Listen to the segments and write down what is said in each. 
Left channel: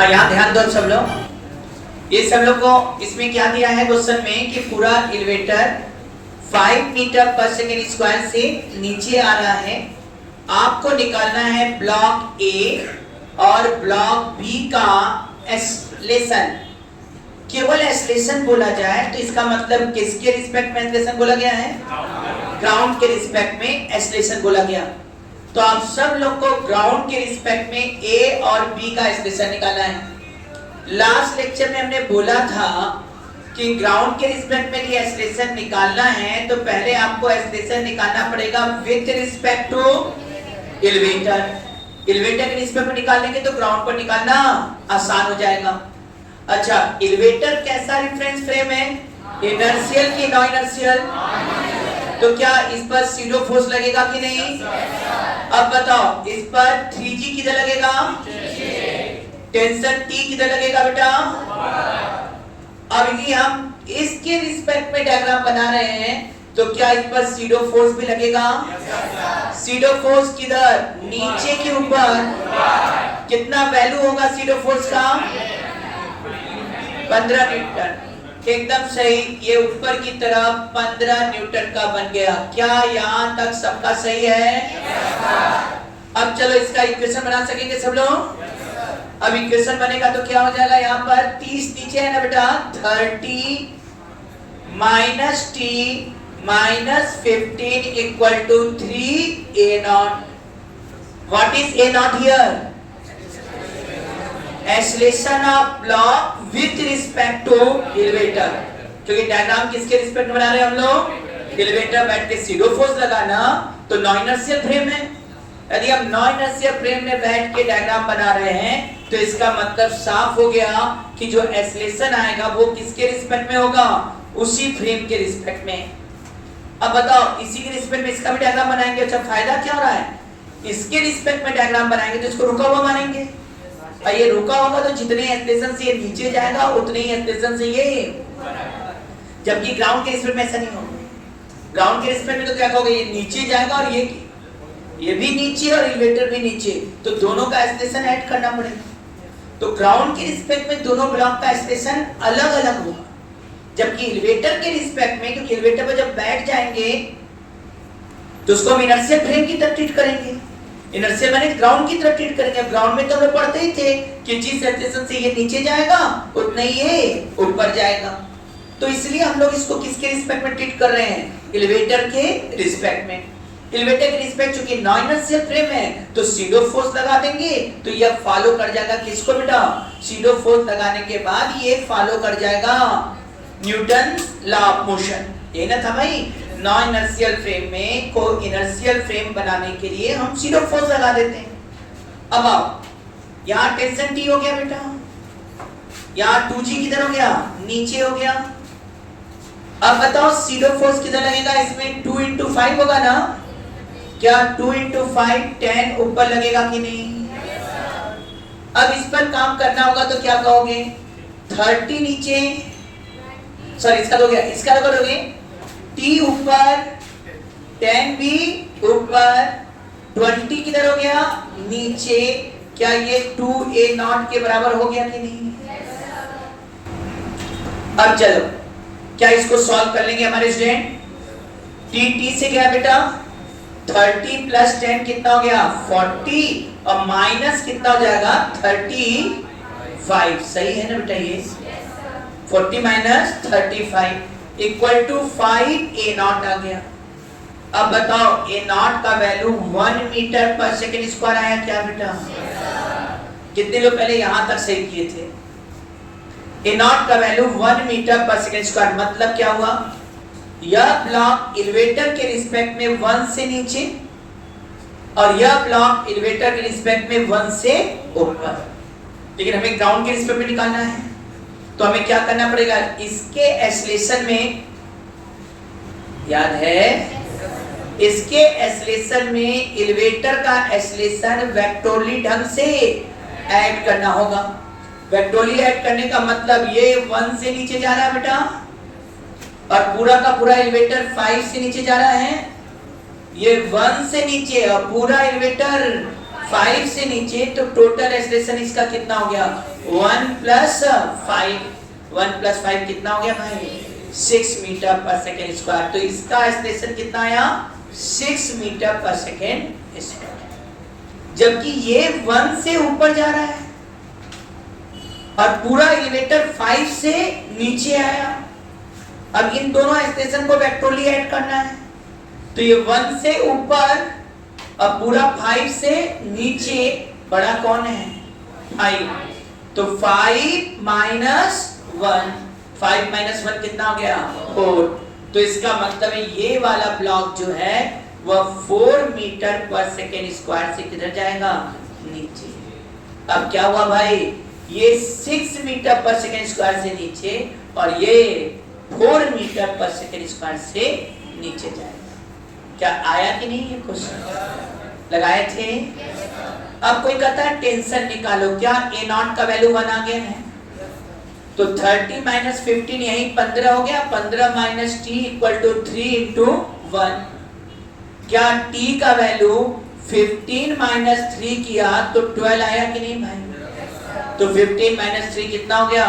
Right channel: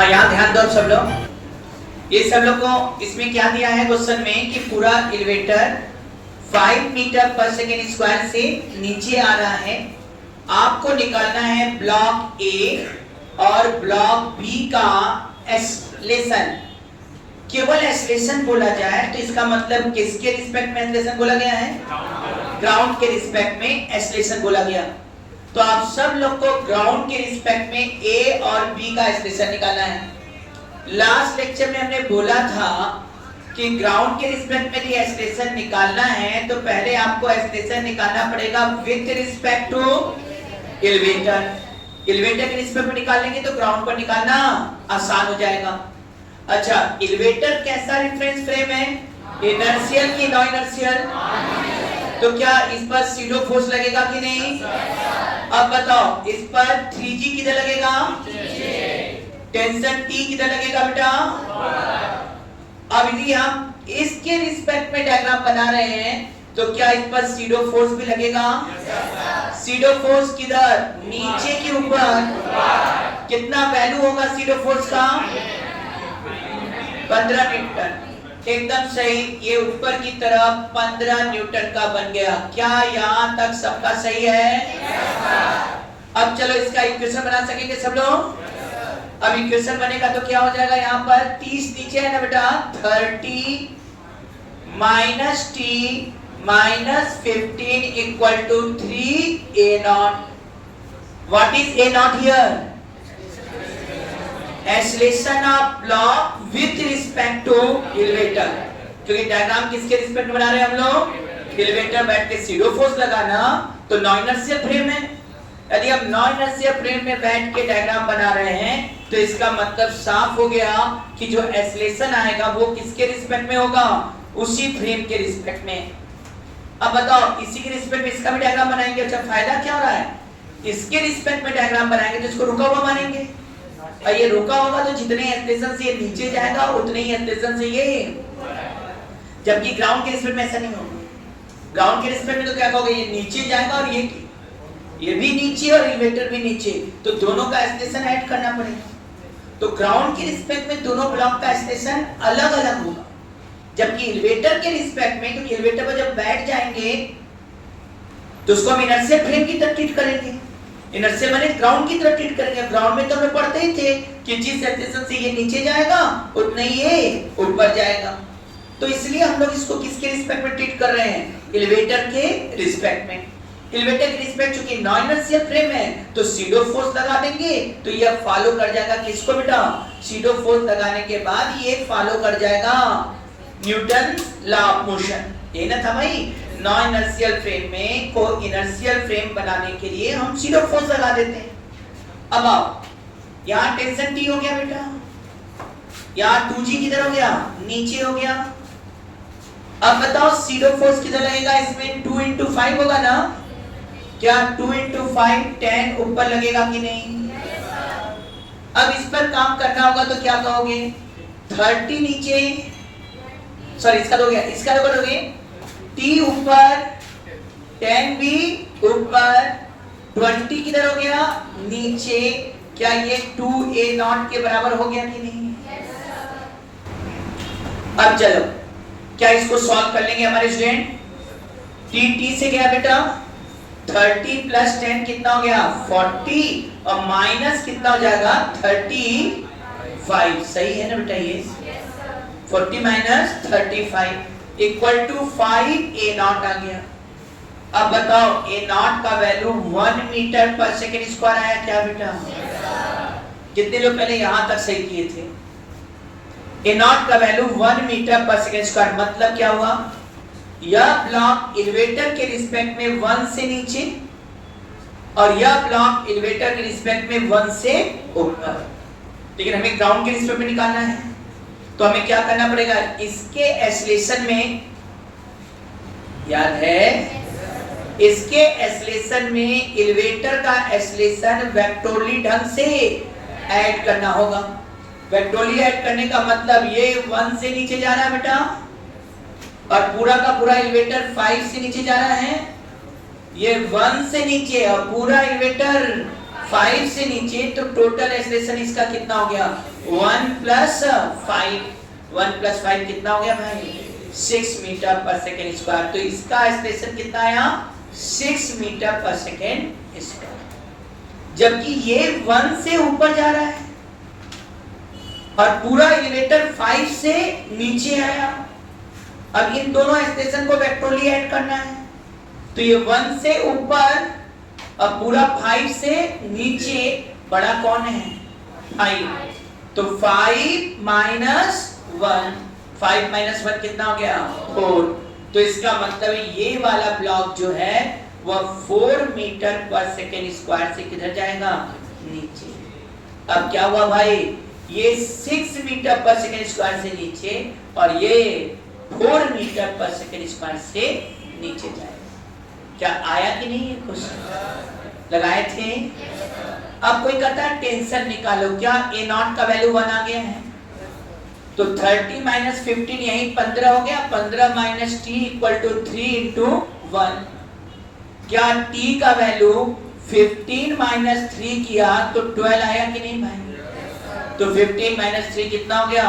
और यहाँ ध्यान दो सब लोग, ये सब लोग को इसमें क्या दिया है क्वेश्चन में कि पूरा एलिवेटर 5 मीटर पर सेकेंड स्क्वायर से नीचे आ रहा है। आपको निकालना है ब्लॉक ए और ब्लॉक बी का एक्सेलरेशन। केवल एक्सेलरेशन बोला जाए तो इसका मतलब किसके रिस्पेक्ट में एक्सेलरेशन बोला गया है? ग्राउंड के रिस्पेक्ट में एक्सेलरेशन बोला गया। तो आप सब लोग को ग्राउंड के रिस्पेक्ट में ए और बी का एक्सेलरेशन निकालना है। लास्ट लेक्चर में हमने बोला था कि ग्राउंड के रिस्पेक्ट में एक्सेलरेशन निकालना है तो पहले आपको एक्सेलरेशन निकालना पड़ेगा with respect to elevator. Elevator के रिस्पेक्ट में निकालेंगे तो ग्राउंड पर निकालना आसान हो जाएगा। अच्छा, एलिवेटर कैसा रेफरेंस फ्रेम है? इनर्शियल की नॉन इनर्शियल? तो क्या इस पर सीडो फोर्स लगेगा कि नहीं? अब बताओ, इस पर 3G किधर लगेगा? टेंशन T किधर लगेगा बेटा? अब यदि हम इसके रिस्पेक्ट में डायग्राम बना रहे हैं तो क्या इस पर सीडो फोर्स भी लगेगा? सीडो फोर्स किधर? नीचे के ऊपर। कितना वैल्यू होगा सीडो फोर्स का? 15 न्यूटन। एकदम सही, ये ऊपर की तरफ 15 न्यूटन का बन गया। क्या यहाँ तक सबका सही है? अब चलो इसका इक्वेशन बना सकेंगे सब लोग? अब इक्वेशन बनेगा तो क्या हो जाएगा? यहाँ पर 30 नीचे है ना बेटा, 30 minus T minus 15 equal to 3 a naught. What is a naught here? Acceleration of block with respect to elevator. क्योंकि डायग्राम किसके रिस्पेक्ट में बना रहे हैं हम लोग? एलिवेटर बैठ के सीडो फोर्स लगाना तो नॉन इनर्शियल फ्रेम है। यदि हम नॉन इनर्शियल फ्रेम में बैठ के डायग्राम बना रहे हैं तो इसका मतलब साफ हो गया कि जो एक्सेलरेशन आएगा वो किसके रिस्पेक्ट में होगा? उसी फ्रेम के रिस्पेक्ट में। अब बताओ, इसी के रिस्पेक्ट में इसका भी डायग्राम बनाएंगे। अच्छा, फायदा क्या हो रहा है? इसके रिस्पेक्ट में डायग्राम बनाएंगे तो इसको रुका हुआ मानेंगे, और ये रुका होगा तो जितने एक्सेलरेशन से ये नीचे जाएगा उतने ही एक्सेलरेशन से ये, जबकि ग्राउंड के रिस्पेक्ट में ऐसा नहीं होगा। ग्राउंड के रिस्पेक्ट में तो क्या कहोगे? ये नीचे जाएगा और ये भी नीचे और एलिवेटर भी नीचे, तो दोनों का एक्सेलरेशन ऐड करना पड़ेगा। तो ग्राउंड के रिस्पेक्ट में दोनों ब्लॉक का एक्सेलरेशन अलग अलग होगा, जबकि एलिवेटर के रिस्पेक्ट में, क्योंकि एलिवेटर पर जब बैठ जाएंगे तो उसको हम इनर्शियल फ्रेम की तरह ट्रीट करेंगे। इनर्शियल माने ग्राउंड की तरह ट्रीट करेंगे। ग्राउंड में तो हमें पढ़ते ही थे कि जिस एक्सेलरेशन से ये नीचे जाएगा उतना ही ये ऊपर जाएगा। तो इसलिए हम लोग इसको किसके रिस्पेक्ट में ट्रीट कर रहे हैं? एलिवेटर के रिस्पेक्ट में। एलिवेटर के रिस्पेक्ट चूंकि नॉन इनर्शियल फ्रेम है तो सीडो फोर्स लगा देंगे तो ये फॉलो कर जाएगा किसको बेटा? सीडो फोर्स लगाने के बाद ये फॉलो कर जाएगा न्यूटन लॉ ऑफ मोशन। ये ना था भाई, नॉन इनर्शियल फ्रेम में को इनर्शियल फ्रेम बनाने के लिए हम सीडो फोर्स लगा देते हैं। अब आओ, यहाँ टेंशन T हो गया बेटा, यहाँ 2G किधर हो गया? नीचे हो गया। अब बताओ सीडो फोर्स किधर लगेगा? इसमें 2 into 5 होगा ना? क्या 2 into 5 10 ऊपर लगेगा कि नहीं? अब इस पर काम करना होगा तो क्या कहोगे? 30 नीचे, सॉरी इसका दोगे, इसका दोगे T ऊपर 10 भी ऊपर, 20 किधर हो गया? नीचे। क्या ये 2a naught के बराबर हो गया कि नहीं? अब चलो, क्या इसको सॉल्व कर लेंगे हमारे स्टूडेंट? T से गया बेटा 30 प्लस 10 कितना हो गया? 40, और माइनस कितना हो जाएगा? 35। सही है ना बेटा? ये 40 minus 35 equal to 5 a naught आ गया। अब बताओ, a naught का वैल्यू 1 मीटर पर सेकेंड स्क्वायर आया क्या बेटा? कितने लोग पहले यहां तक सही किए थे? a naught का वैल्यू 1 मीटर पर सेकेंड स्क्वायर, मतलब क्या हुआ? यह ब्लॉक एलिवेटर के रिस्पेक्ट में 1 से नीचे और यह ब्लॉक एलिवेटर के रिस्पेक्ट में 1 से ऊपर, लेकिन हमें ग्राउंड के रिस्पेक्ट में निकालना है तो हमें क्या करना पड़ेगा? इसके एक्सेलरेशन में, याद है, इसके एक्सेलरेशन में एलिवेटर का एक्सेलरेशन वेक्टोरली ढंग से ऐड करना होगा। वेक्टोरली ऐड करने का मतलब ये 1 से नीचे जा रहा है बेटा, और पूरा का पूरा एलिवेटर 5 से नीचे जा रहा है। ये 1 से नीचे और पूरा एलिवेटर 5 से नीचे, तो टोटल एक्सेलरेशन इसका कितना हो गया 1 + 5, 1 + 5 कितना हो गया भाई 6 मीटर पर सेकेंड स्क्वायर। तो इसका एक्सेलरेशन कितना आया 6 मीटर पर सेकेंड स्क्वायर, जबकि ये 1 से ऊपर जा रहा है और पूरा एलिवेटर 5 से नीचे आया। अब इन दोनों एक्सप्रेशन को वेक्टोरली ऐड करना है, तो ये 1 से ऊपर अब पूरा 5 से नीचे, बड़ा कौन है 5, तो 5 - 1, 5 - 1 कितना हो गया 4। तो इसका मतलब है ये वाला ब्लॉक जो है वह 4 मीटर पर सेकेंड स्क्वायर से किधर जाएगा नीचे। अब क्या हुआ भाई, ये 6 मीटर पर सेकेंड स्क्वायर से नीचे और ये 4 मीटर पर सेकेंड स्क्वायर से नीचे जाएगा। क्या आया कि नहीं, ये क्वेश्चन लगाए थे। अब कोई कहता है टेंशन निकालो, क्या A0 का वैल्यू 1 आ गया है, तो 30 - 15 यही 15 हो गया, 15 - t = 3 × 1। क्या t का वैल्यू 15 - 3 किया तो 12 आया कि नहीं भाई, तो 15 - 3 कितना हो गया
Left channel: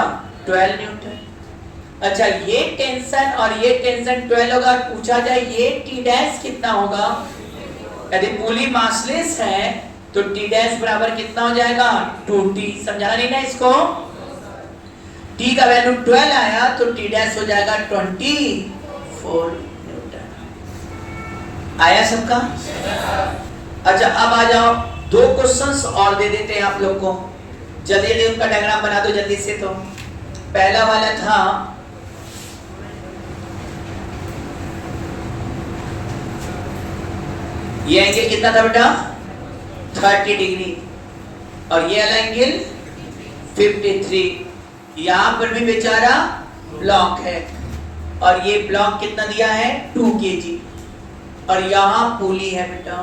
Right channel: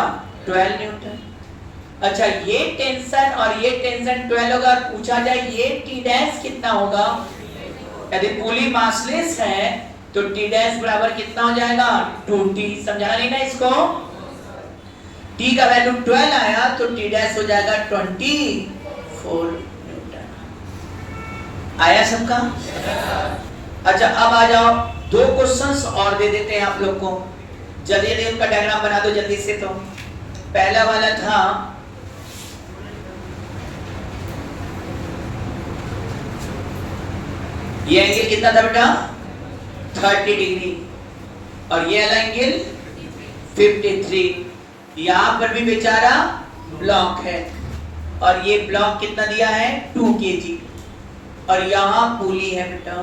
12 न्यूटन। अच्छा, ये टेंशन और ये टेंशन 12 होगा, पूछा जाए ये t डैश कितना होगा, यदि पुली मासलेस है तो t डैश बराबर कितना हो जाएगा 2t। समझा नहीं ना इसको, t का वैल्यू 12 आया तो t डैश हो जाएगा 24 न्यूटन। आया सबका। अच्छा, अब आ जाओ, 2 क्वेश्चंस और दे देते हैं आप लोग को, जल्दी जल्दी उनका डायग्राम बना दो जल्दी से। तो पहला वाला था ये एंगल कितना था बेटा 30 डिग्री और ये वाला एंगल 53। यहां पर भी बेचारा ब्लॉक है और ये ब्लॉक कितना दिया है 2 kg और यहां पुली है बेटा।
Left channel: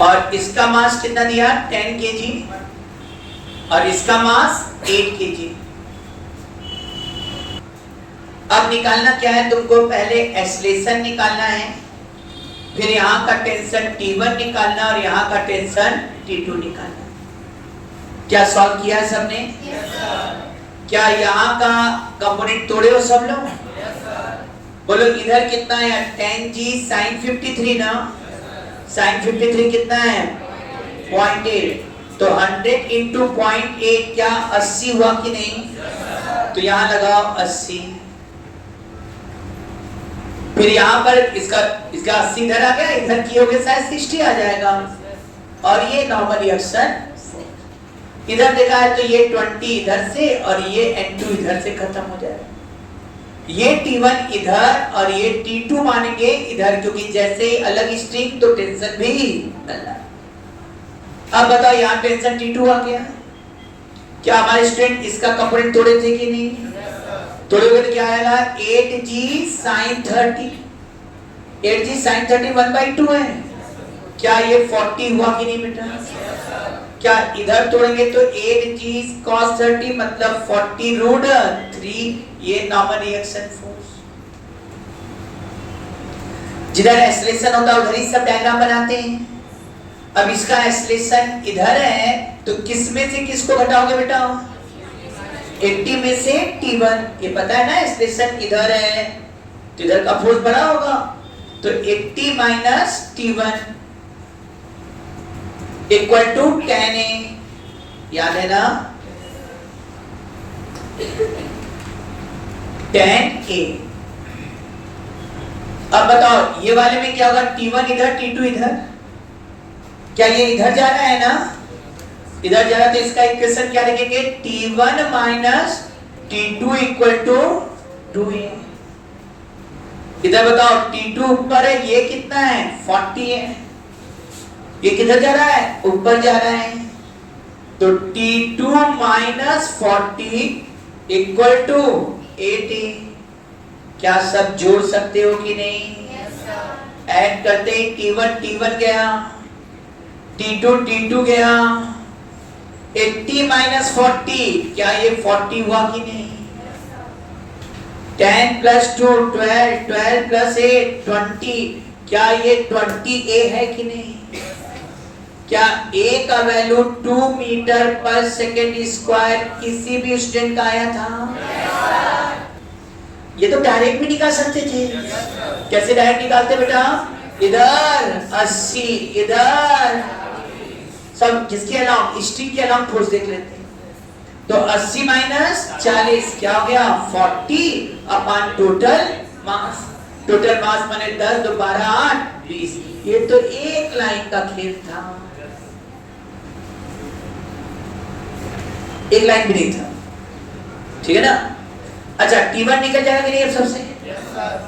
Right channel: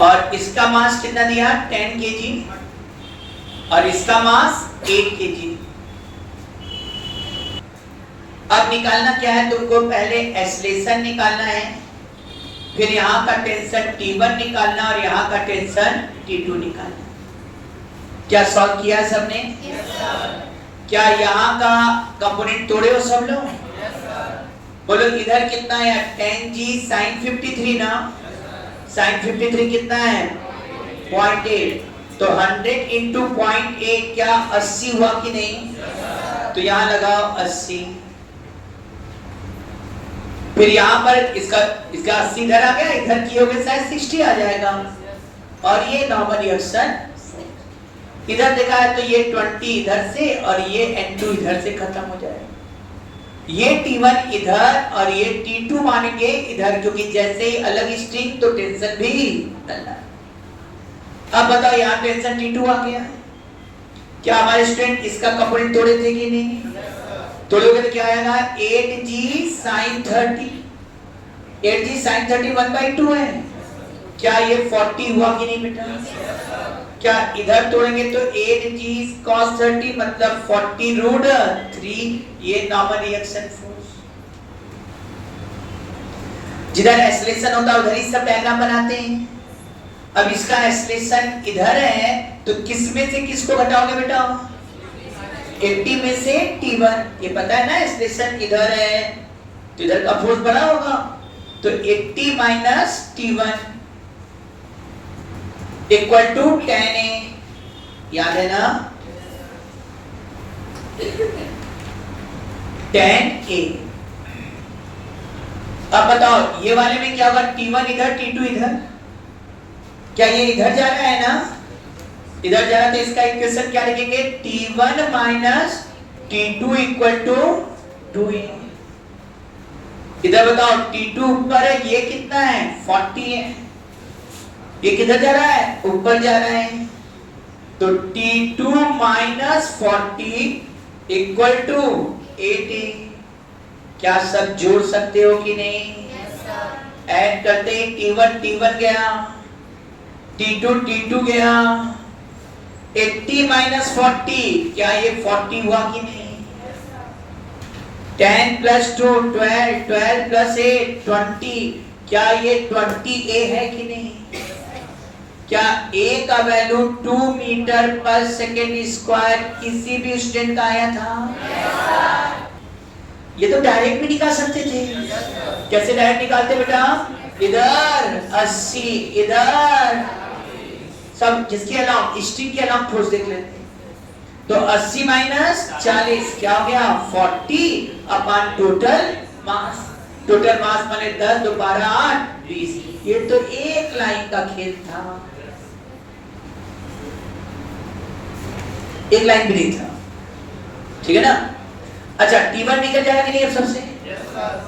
और इसका मास कितना दिया 10 kg और इसका मास 8 kg। अब निकालना क्या है तुमको, पहले एक्सेलरेशन निकालना है, फिर यहाँ का टेंशन T1 निकालना और यहाँ का टेंशन T2 निकालना। क्या सॉल्व किया है सबने? क्या यहाँ का कंपोनेंट तोड़े हो सब लोग? बोलो इधर कितना है 10g sin 53 ना, sin 53 कितना है 0.8, तो 100 × 0.8 क्या 80 हुआ कि नहीं, तो यहाँ लगाओ 80। फिर यहाँ पर इसका 80 इधर आ गया, इधर की हो गया शायद 60 आ जाएगा और ये नॉर्मल रिएक्शन इधर देखा है तो ये 20 इधर से और ये N2 इधर से खत्म हो जाएगा। ये T1 इधर और ये T2 मानेंगे इधर, क्योंकि जैसे ही अलग स्ट्रिंग तो टेंशन भी अलग। अब बताओ यहाँ टेंशन T2 आ गया, क्या हमारे स्टूडेंट इसका कंपोनेंट तोड़े थे कि नहीं? तोड़े हुए क्या आएगा 8g sin 30, 8g sin 30 1/2 है। क्या ये 40 हुआ कि नहीं बेटा? क्या इधर तोड़ेंगे तो 8g cos 30 मतलब 40√3, ये नॉर्मल रिएक्शन फोर्स। जिधर एक्सेलरेशन होता है उधर ही सब डायग्राम बनाते हैं। अब इसका एक्सेलरेशन इधर है तो किस में से किसको घटाओगे बेटा 80 में से T1, ये पता है ना एक्सेलरेशन इधर है तो इधर का फोर्स बड़ा होगा, तो 80 - T1 = 10A, याद है ना 10A। अब बताओ ये वाले में क्या होगा T1 इधर T2 इधर, क्या ये इधर जा रहा है ना, इधर जा रहा है तो इसका इक्वेशन क्या लिखेंगे T1 - T2 = 2A। इधर बताओ T2 ऊपर है, ये कितना है 40 है, ये किधर जा रहा है ऊपर जा रहा है, तो T2 - 40 = 8A। क्या सब जोड़ सकते हो कि नहीं? ऐड करते ही T1 गया, T2 गया, 80 माइनस 40, क्या ये 40 हुआ कि नहीं? 10 प्लस 2 12, 12 प्लस 8 20, क्या ये 20a है कि नहीं? क्या a का वैल्यू 2 मीटर पर सेकेंड स्क्वायर किसी भी स्टूडेंट का आया था? ये तो डायरेक्ट भी निकाल सकते थे। कैसे डायरेक्ट निकालते बेटा? इधर 80, इधर सब जिसके अलावा स्ट्रिंग के अलावा फोर्स देख लेते हैं। तो 80 माइनस 40 क्या हो गया? 40 upon total mass. Total mass माने 10 2 12 8 20। ये तो एक लाइन का खेल था, एक लाइन भी नहीं था, ठीक है ना? अच्छा, T1 निकल जाएगा कि नहीं अब सबसे?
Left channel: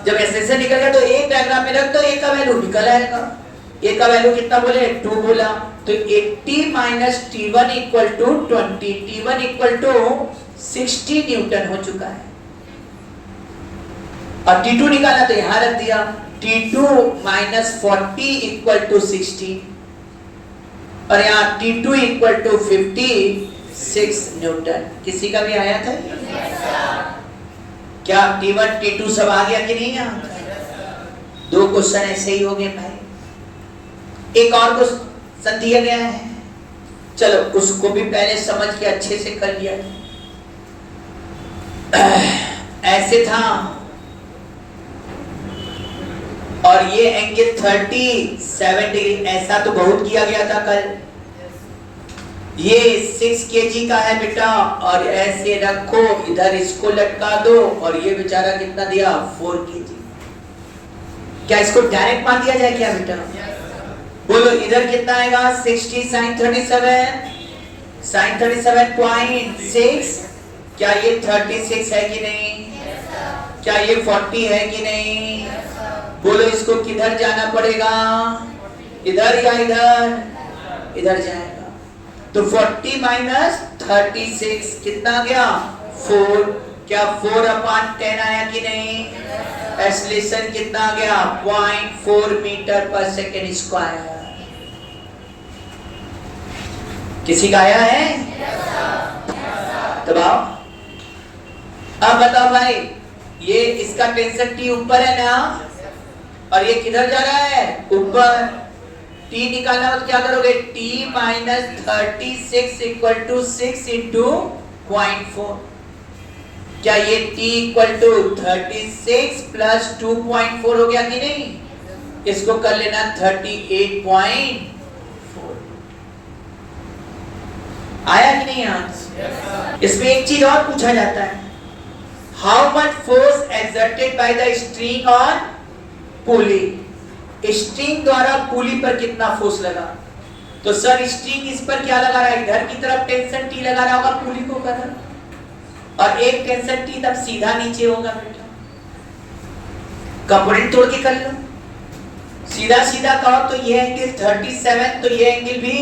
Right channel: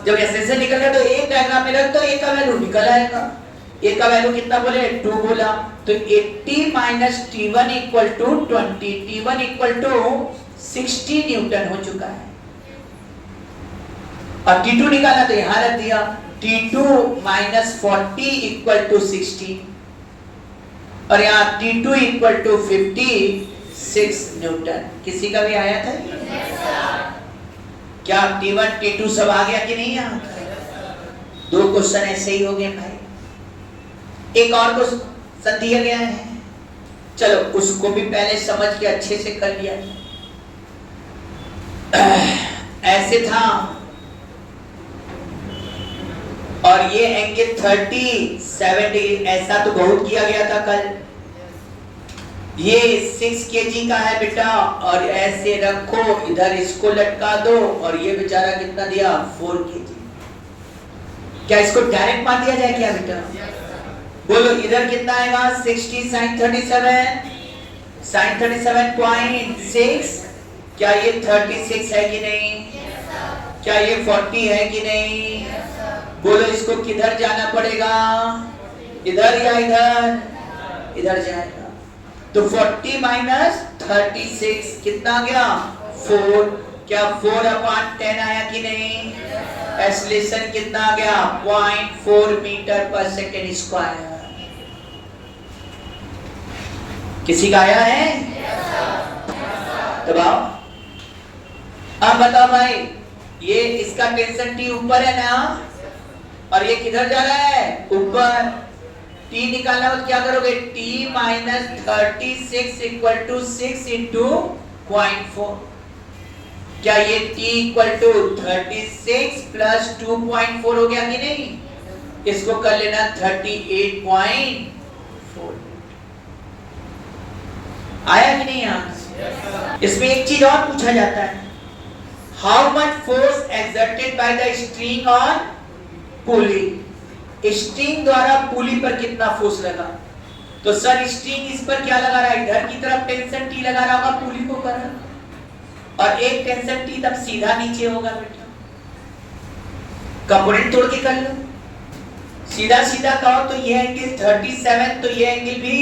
जब ऐसे से निकल गया तो एक डायग्राम में रख दो, एक का वैल्यू निकल आएगा। एक का वैल्यू कितना बोले? 2 बोला, तो 80 minus T1 equal to 20, T1 equal to 60 newton हो चुका है। और T2 निकाला तो यहां रख दिया, T2 माइनस 40 इक्वल टू 60, और यहाँ T2 इक्वल टू 56 न्यूटन। किसी का भी आया था? क्या T1 T2 सब आ गया कि नहीं? दो क्वेश्चन ऐसे ही हो गए भाई। एक और क्वेश्चन दिया गया है, चलो उसको भी पहले समझ के अच्छे से कर लिया। ऐसे था और ये एंगल 37 डिग्री, ऐसा तो बहुत किया गया था कल। ये 6 kg का है बेटा, और ऐसे रखो, इधर इसको लटका दो, और ये बेचारा कितना दिया? 4 kg। क्या इसको डायरेक्ट मार दिया जाए क्या बेटा? बोलो इधर कितना आएगा? 60 sin 37, sin 37.6। क्या ये 36 है कि नहीं? क्या ये 40 है कि नहीं? बोलो इसको किधर जाना पड़ेगा? इधर या इधर? इधर जाएगा। तो 40 माइनस 36 कितना आ गया? 4। क्या 4 अपॉन 10 आया कि नहीं? एक्सेलरेशन कितना आ गया? 0.4 मीटर पर सेकेंड स्क्वायर। किसी का आया है? तो अब बताओ भाई, ये इसका टेंशन T ऊपर है ना, और ये किधर जा रहा है? ऊपर। T निकालना हो तो क्या करोगे? T minus 36 equal to 6 into 0.4। क्या ये T इक्वल टू 36 प्लस 2.4 हो गया कि नहीं? इसको कर लेना 38.4। आया कि नहीं यहाँ? इसमें एक चीज और पूछा जाता है, how much force exerted by the string on pulley. String द्वारा पुली पर कितना फोर्स लगा? तो सर स्ट्रिंग इस पर क्या लगा रहा है? इधर की तरफ टेंशन T लगा रहा होगा पुली को कर, और एक टेंशन T तब सीधा नीचे होगा बेटा। कंपोनेंट तोड़ के कर लो, सीधा सीधा कहो तो ये एंगल 37, तो ये एंगल भी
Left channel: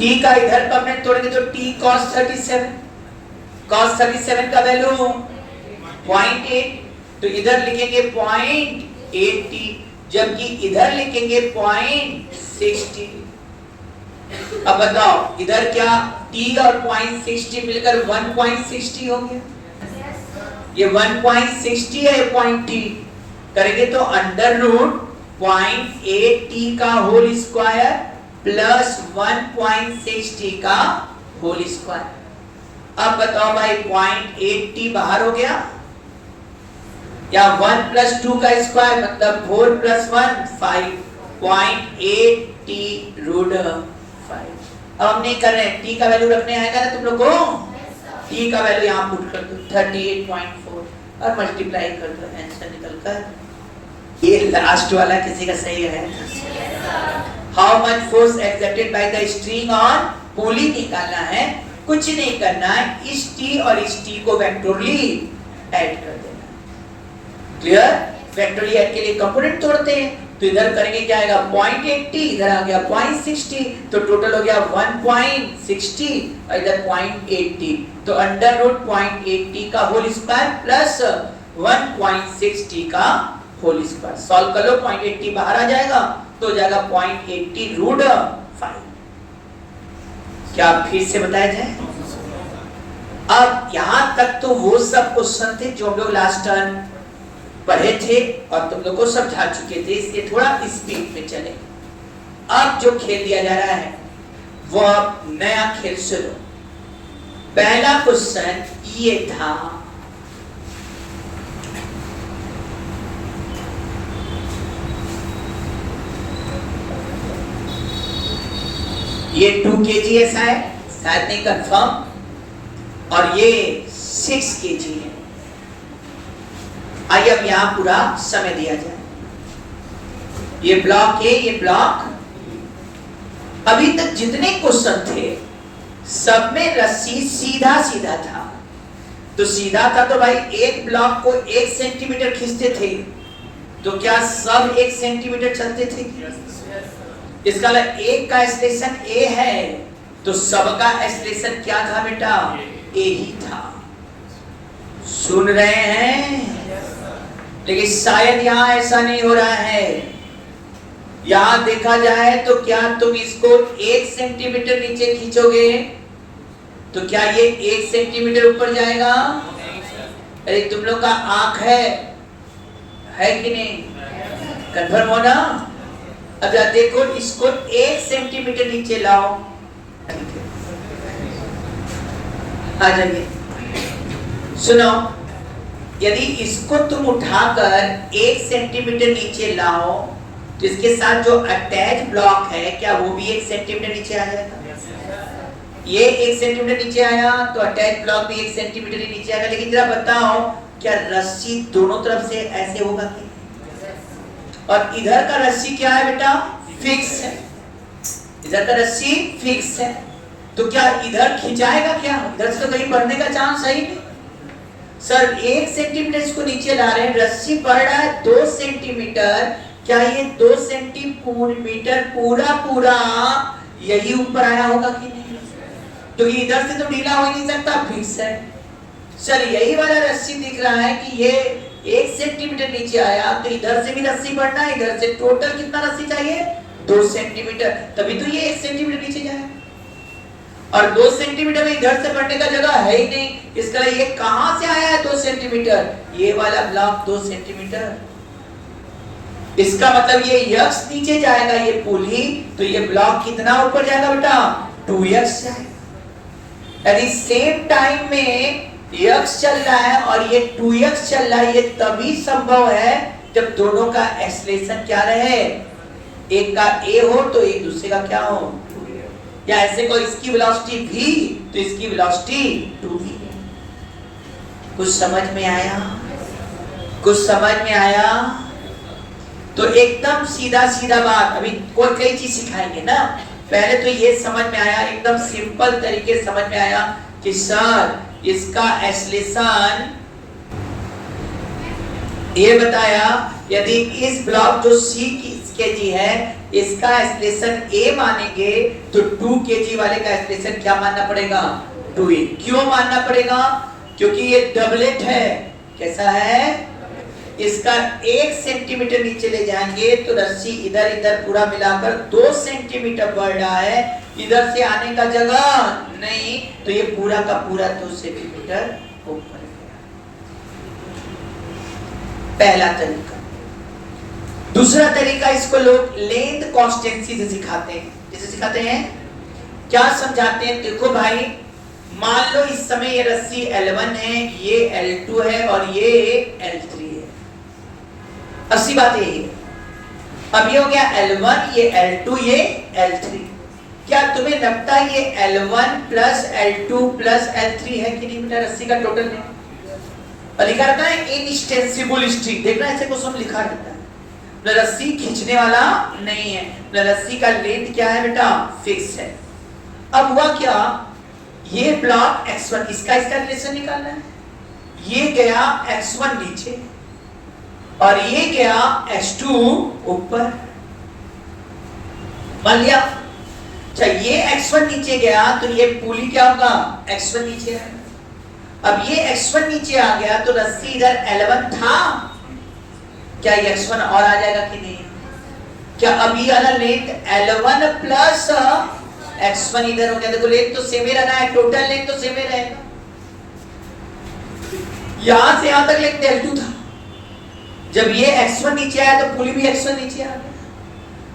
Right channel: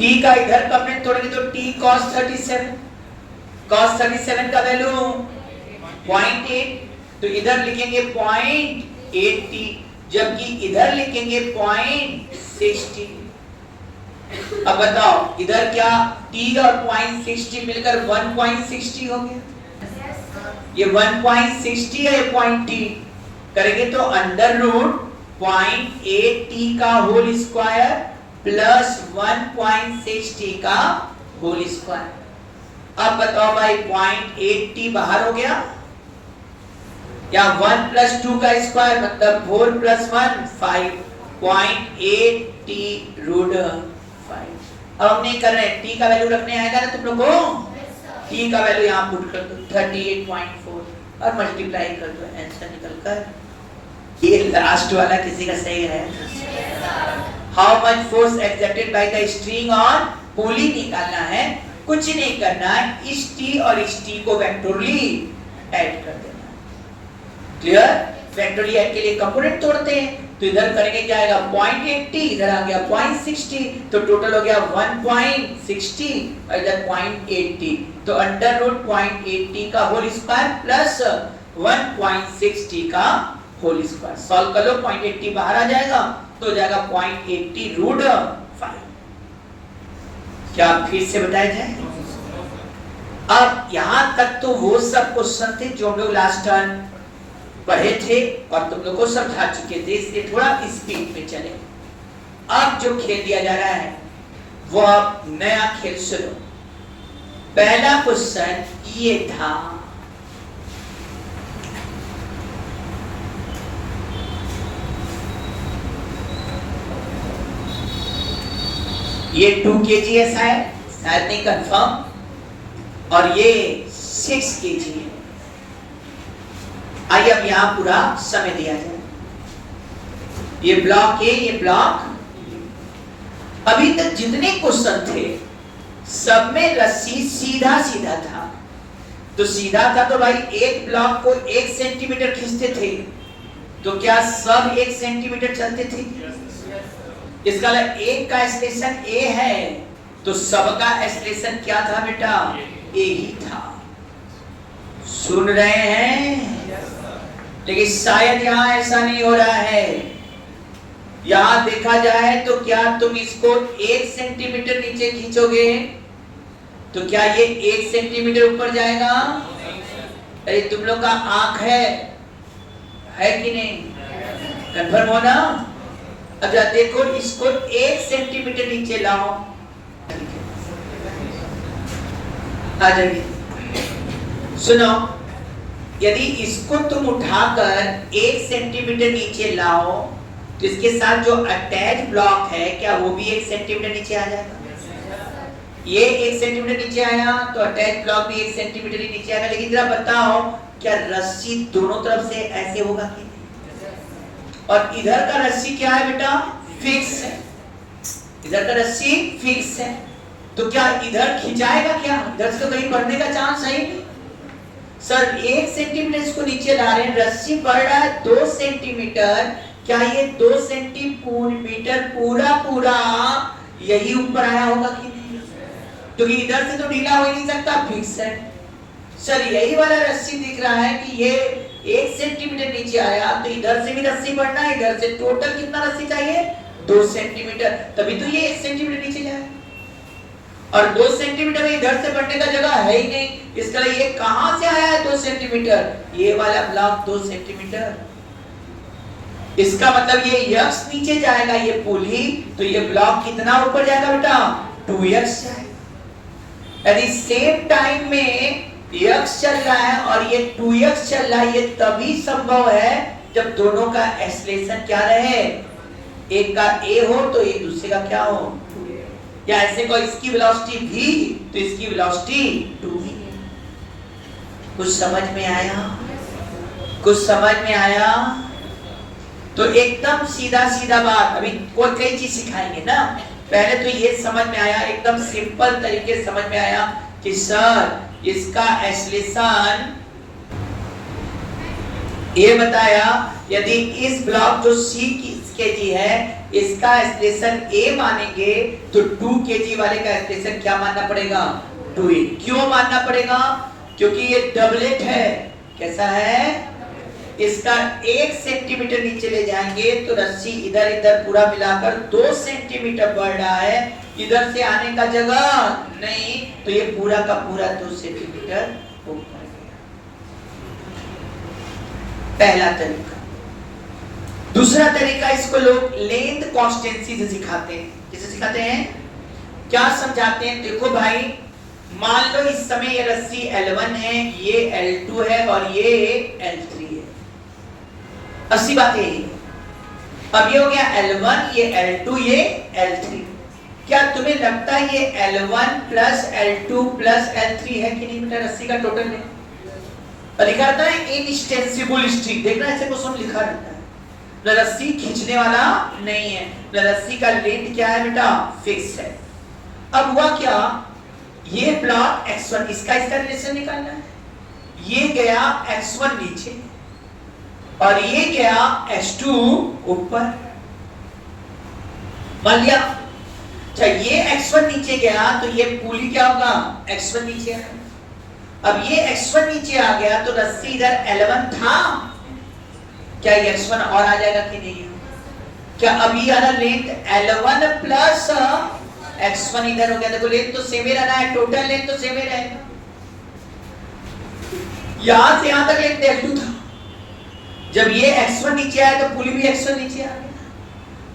T का इधर कंपोनेंट तोड़ेंगे तो T cos 37, cos 37 का वैल्यू 0.8, तो इधर लिखेंगे 0.80, जबकि इधर लिखेंगे 0.60। अब बताओ इधर क्या T और 0.60 मिलकर 1.60 हो गया? ये 1.60 है, पॉइंट T करेंगे तो अंडर रूट 0.8T का होल स्क्वायर प्लस 1.60 का होल स्क्वायर। अब बताओ भाई 0.8T बाहर हो गया, या 1 प्लस 2 का स्क्वायर मतलब 4 प्लस 1 5, 0.8T रूट 5। अब हम नहीं कर रहे हैं, T का वैल्यू रखने आएगा ना तुम लोग को? T का वैल्यू यहाँ पुट कर दो 38.4 और मल्टीप्लाई कर दो, आंसर निकल कर। ये लास्ट वाला किसी का सही है? How much force exerted by the string on pulley निकालना है। कुछ नहीं करना है, इस T और इस T को वेक्टोरली ऐड कर देना। क्लियर? वेक्टोरली ऐड के लिए कंपोनेंट तोड़ते हैं, तो इधर करेंगे क्या आएगा? 0.80, इधर आ गया 0.60, तो टोटल हो गया 1.60 और इधर 0.80, तो अंडर रूट 0.80 का होल स्क्वायर प्लस 1.60 का होल स्क्वायर। सॉल्व कर लो, 0.80 बाहर आ जाएगा तो हो जाएगा 0.80 रूट 5। क्या फिर से बताया जाए? अब यहां तक तो वो सब क्वेश्चन थे जो हम लोग लास्ट टर्न पढ़े थे और तुम लोग को समझा चुके थे, इसलिए थोड़ा स्पीड में चले। अब जो खेल दिया जा रहा है वो अब नया खेल सुनो। पहला क्वेश्चन ये था, ये 2 kg ऐसा है, शायद नहीं कंफर्म, और ये 6 kg है। आइए अब यहां पूरा समय दिया जाए। ये ब्लॉक ए, ये ब्लॉक, अभी तक जितने क्वेश्चन थे सब में रस्सी सीधा सीधा था। तो सीधा था तो भाई एक ब्लॉक को 1 सेंटीमीटर खींचते थे, तो क्या सब 1 सेंटीमीटर चलते थे? इसका एक का एक्सलेशन ए है तो सबका एक्सलेशन क्या था बेटा? ए ही था। सुन रहे हैं? लेकिन शायद यहां ऐसा नहीं हो रहा है। यहां देखा जाए तो क्या तुम इसको 1 सेंटीमीटर नीचे खींचोगे तो क्या ये 1 सेंटीमीटर ऊपर जाएगा? अरे तुम लोग का आंख है कि नहीं? कंफर्म हो ना? अच्छा देखो, इसको 1 सेंटीमीटर नीचे लाओ, आ जाइए। सुनो, यदि इसको तुम उठाकर 1 सेंटीमीटर नीचे लाओ तो इसके साथ जो अटैच ब्लॉक है क्या वो भी 1 सेंटीमीटर नीचे आ जाएगा? ये 1 सेंटीमीटर नीचे आया तो अटैच ब्लॉक भी 1 सेंटीमीटर ही नीचे आएगा। लेकिन जरा बताओ, क्या रस्सी दोनों तरफ से ऐसे होगा कि? और इधर का रस्सी क्या है बेटा? फिक्स है। इधर का रस्सी फिक्स है, तो क्या इधर खिंचाएगा क्या? इधर से तो कहीं बढ़ने का चांस है ही नहीं। सर 1 सेंटीमीटर इसको नीचे ला रहे हैं, रस्सी बढ़ रहा है 2 सेंटीमीटर, क्या ये 2 सेंटीमीटर पूरा यही ऊपर आया होगा कि नहीं? तो इधर से तो ढीला हो ही नहीं सकता, फिक्स है। सर यही वाला रस्सी दिख रहा है कि ये 1 सेंटीमीटर नीचे आया तो इधर से भी रस्सी बढ़ना है, इधर से टोटल कितना रस्सी चाहिए? 2 सेंटीमीटर, तभी तो ये 1 सेंटीमीटर नीचे जाए। और 2 सेंटीमीटर में इधर से बढ़ने का जगह है ही नहीं, इसका ये कहां से आया है 2 सेंटीमीटर? ये वाला ब्लॉक 2 सेंटीमीटर, इसका मतलब ये यक्स नीचे जाएगा, ये पुली, तो ये ब्लॉक कितना ऊपर जाएगा बेटा? 2x जाएगा। यदि सेम टाइम में यक्स चल रहा है और ये 2x चल रहा है, ये तभी संभव है जब दोनों का एक्सेलरेशन क्या रहे? एक का a हो तो एक दूसरे का क्या हो? या ऐसे को इसकी वेलोसिटी v तो इसकी वेलोसिटी 2v। कुछ समझ में आया? कुछ समझ में आया? तो एकदम सीधा सीधा बात, अभी कोई कई चीज सिखाएंगे ना। पहले तो ये समझ में आया, एकदम सिंपल तरीके से समझ में आया कि सर इसका एक्सेलरेशन ये बताया, यदि इस ब्लॉक जो c kg है इसका एक्सेलरेशन a मानेंगे तो 2 kg वाले का एक्सेलरेशन क्या मानना पड़ेगा? 2a। क्यों मानना पड़ेगा? क्योंकि ये डबलेट है। कैसा है? इसका 1 सेंटीमीटर नीचे ले जाएंगे तो रस्सी इधर इधर पूरा मिलाकर 2 सेंटीमीटर बढ़ रहा है, इधर से आने का जगह नहीं, तो ये पूरा का पूरा 2 सेंटीमीटर ऊपर। पहला तरीका। दूसरा तरीका, इसको लोग लेंथ कांस्टेंसी से सिखाते हैं। जैसे सिखाते हैं, क्या समझाते हैं? देखो भाई, मान लो इस समय ये रस्सी L1 है, ये L2 है और ये L3 है। अस्सी बात यही है। अब ये हो गया L1, ये L2, ये L3। क्या तुम्हें लगता है ये L1 plus L2 plus L3 है कि नहीं बेटा? रस्सी का टोटल में लिखा रहता है इनएक्सटेंसिबल स्ट्रिंग। देखना ऐसे क्वेश्चन लिखा रहता है, रस्सी खींचने वाला नहीं है, रस्सी का लेंथ क्या है बेटा? फिक्स है। अब हुआ क्या, ये ब्लॉक x1, इसका रिलेशन निकालना है। ये गया x1 नीचे और ये गया x2 ऊपर। मान लिया, अच्छा ये x1 नीचे गया तो ये पुली क्या होगा? x1 नीचे है। अब ये x1 नीचे आ गया तो रस्सी इधर L1 था, क्या x1 और आ जाएगा कि नहीं? क्या अभी वाला लेंथ L1 प्लस x1 इधर हो गया, देखो लेंथ तो सेम ही रहना है, टोटल लेंथ तो सेम ही रहेगा। यहां से यहां तक लेंथ L2 था, जब ये x1 नीचे आया तो पुली भी x1 नीचे आ गया,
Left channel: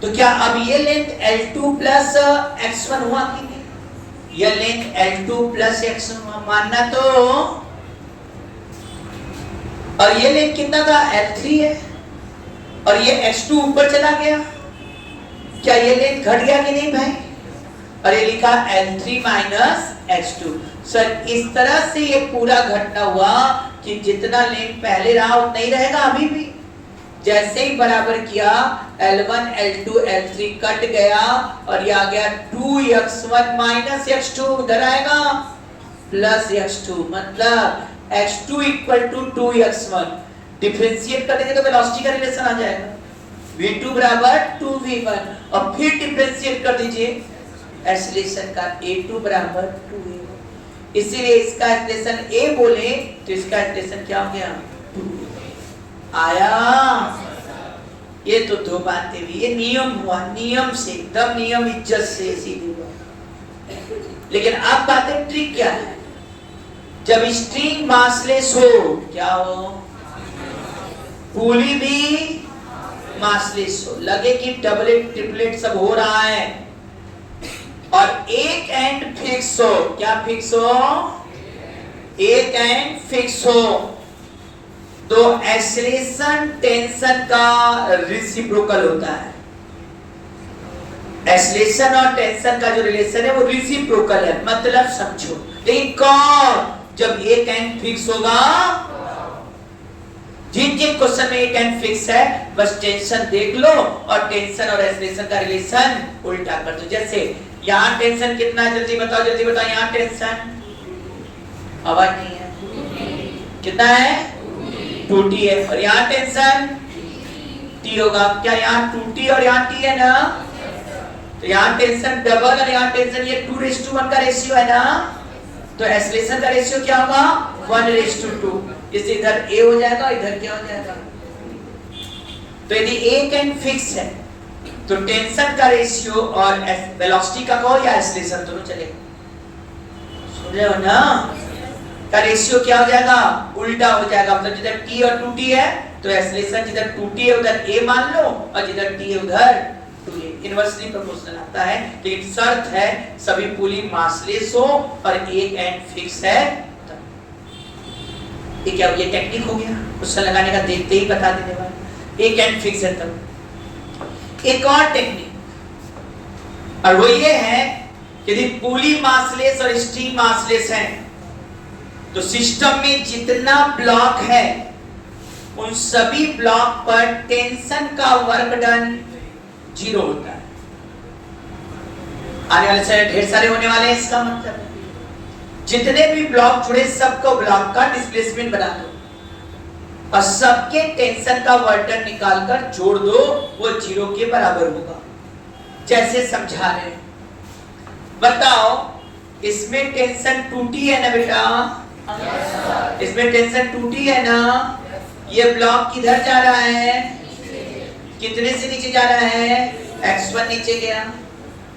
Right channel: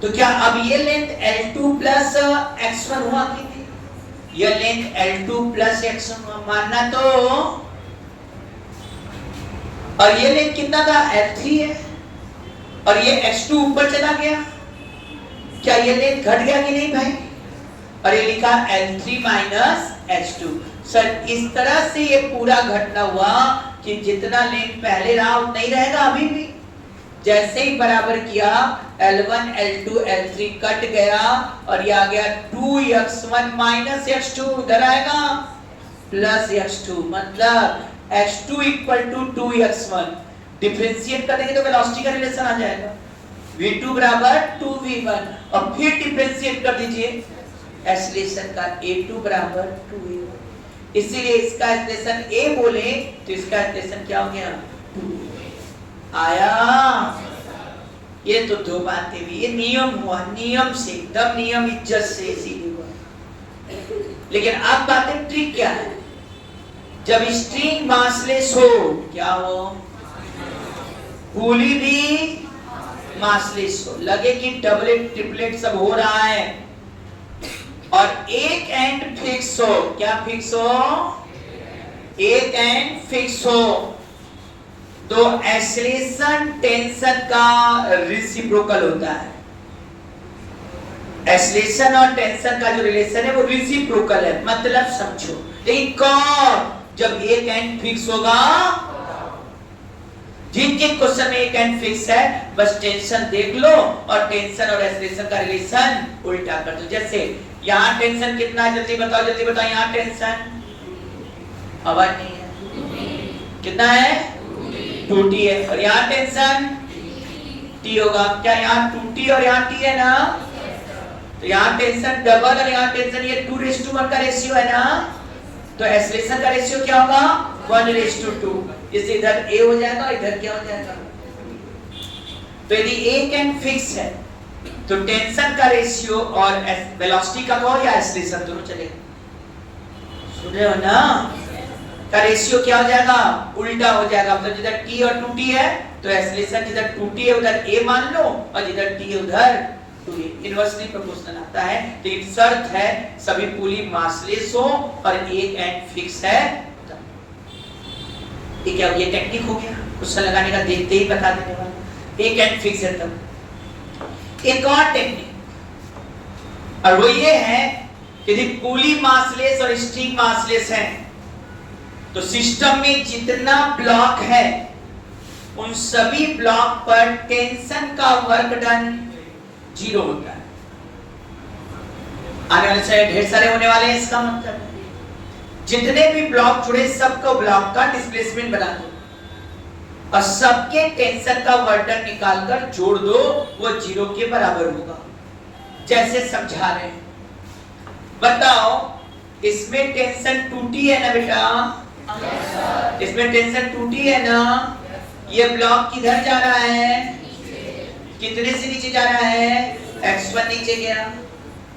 तो क्या अब ये लेंथ L2 प्लस x1 हुआ कि नहीं? यह लेंथ L2 प्लस x1 हुआ, मानना तो, और ये लेंथ कितना था? L3 है, और ये x2 ऊपर चला गया, क्या ये लेंथ घट गया कि नहीं भाई? और ये लिखा L3 माइनस x2। सर इस तरह से ये पूरा घटना हुआ कि जितना लेंथ पहले रहा उतना ही रहेगा अभी भी। जैसे ही बराबर किया L1 L2 L3 कट गया और ये आ गया 2x1 माइनस x2, उधर आएगा प्लस x2, मतलब x2 equal to 2x1। Differentiate करेंगे तो वेलोसिटी का रिलेशन आ जाएगा, v2 बराबर 2v1, और फिर डिफरेंशिएट कर दीजिए एक्सीलरेशन का, a2 बराबर 2v1। इसीलिए इसका एक्सीलरेशन a बोले तो इसका एक्सीलरेशन क्या हो गया? 2 आया। ये तो दो बातें हुई, ये नियम हुआ, नियम से एकदम नियम इज्जत से सीधे हुआ। लेकिन अब बातें ट्रिक क्या है? जब स्ट्रिंग मासलेस हो, क्या हो? पुली भी मासलेस हो, लगे कि डबलेट ट्रिपलेट सब हो रहा है, और एक एंड फिक्स हो। क्या फिक्स हो? एक एंड फिक्स हो, तो एक्सीलरेशन टेंशन का रेसिप्रोकल होता है। एक्सीलरेशन और टेंशन का जो रिलेशन है वो रेसिप्रोकल है, मतलब समझो। लेकिन कौन? जब एक एंड फिक्स होगा। जिन जिन क्वेश्चन में एक एंड फिक्स है बस टेंशन देख लो और टेंशन और एक्सीलरेशन का रिलेशन उल्टा कर दो। जैसे यहाँ टेंशन कितना है, जल्दी बताओ जल्दी बताओ। यहाँ टेंशन, आवाज नहीं है, कितना है? 2t है, और यहाँ टेंशन t होगा। क्या यहाँ 2t और यहाँ t है ना? तो यहाँ टेंशन डबल और यहाँ टेंशन, ये 2:1 का रेशियो है ना, तो एक्सीलरेशन का रेशियो क्या होगा? 1:2। इससे इधर a हो जाएगा और इधर क्या हो जाएगा? तो यदि एक एंड फिक्स है तो टेंशन का रेशियो और वेलोसिटी का कॉल या एक्सीलरेशन दोनों चलेगा। सुन रहे हो ना? का रेशियो क्या हो जाएगा? उल्टा हो जाएगा। मतलब जिधर t और 2t है तो एक्सीलरेशन जिधर 2t है उधर a मान लो, और जिधर t है उधर 2a। इनवर्सली प्रोपोर्शनल आता है, लेकिन शर्त है सभी पुली मासलेस हो और एक एंड फिक्स है। ये क्या, ये टेक्निक हो गया क्वेश्चन लगाने का, देखते ही बता देने वाला। एक एंड फिक्स है तब। एक और टेक्निक, और वो ये है यदि पुली मासलेस और स्ट्रिंग मासलेस है तो सिस्टम में जितना ब्लॉक है उन सभी ब्लॉक पर टेंशन का वर्क डन 0 होता है। आने वाले समय ढेर सारे होने वाले हैं, इसका मतलब जितने भी ब्लॉक जुड़े सबको ब्लॉक का डिस्प्लेसमेंट बना दो और सबके टेंशन का वर्क डन निकालकर जोड़ दो, वो 0 के बराबर होगा। जैसे समझा रहे हैं, बताओ इसमें टेंशन 2t है ना बेटा? इसमें टेंशन 2t है ना? ये ब्लॉक किधर जा रहा है? कितने से नीचे जा रहा है? x1 नीचे गया।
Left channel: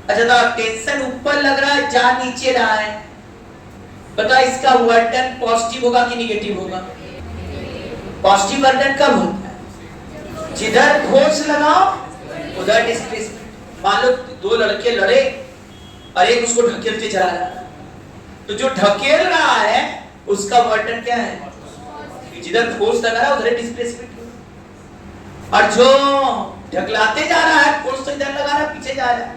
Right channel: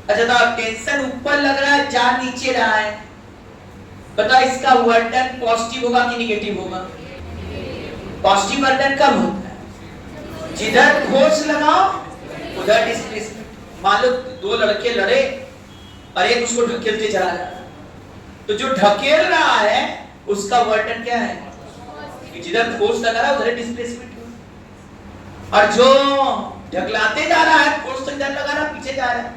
अच्छा तो टेंशन ऊपर लग रहा है, जा नीचे रहा है। बताओ इसका वर्क डन पॉजिटिव होगा कि नेगेटिव होगा? पॉजिटिव वर्क डन कब होता है? जिधर फोर्स लगाओ उधर डिस्प्लेसमेंट। मान लो दो लड़के लड़े और एक उसको ढकेलते चला जा रहा है, तो जो ढकेल रहा है उसका वर्क डन क्या है? जिधर फोर्स लगा रहा है उधर डिस्प्लेसमेंट। और जो ढकलाते जा रहा है फोर्स तो इधर लगा रहा है, पीछे जा रहा है,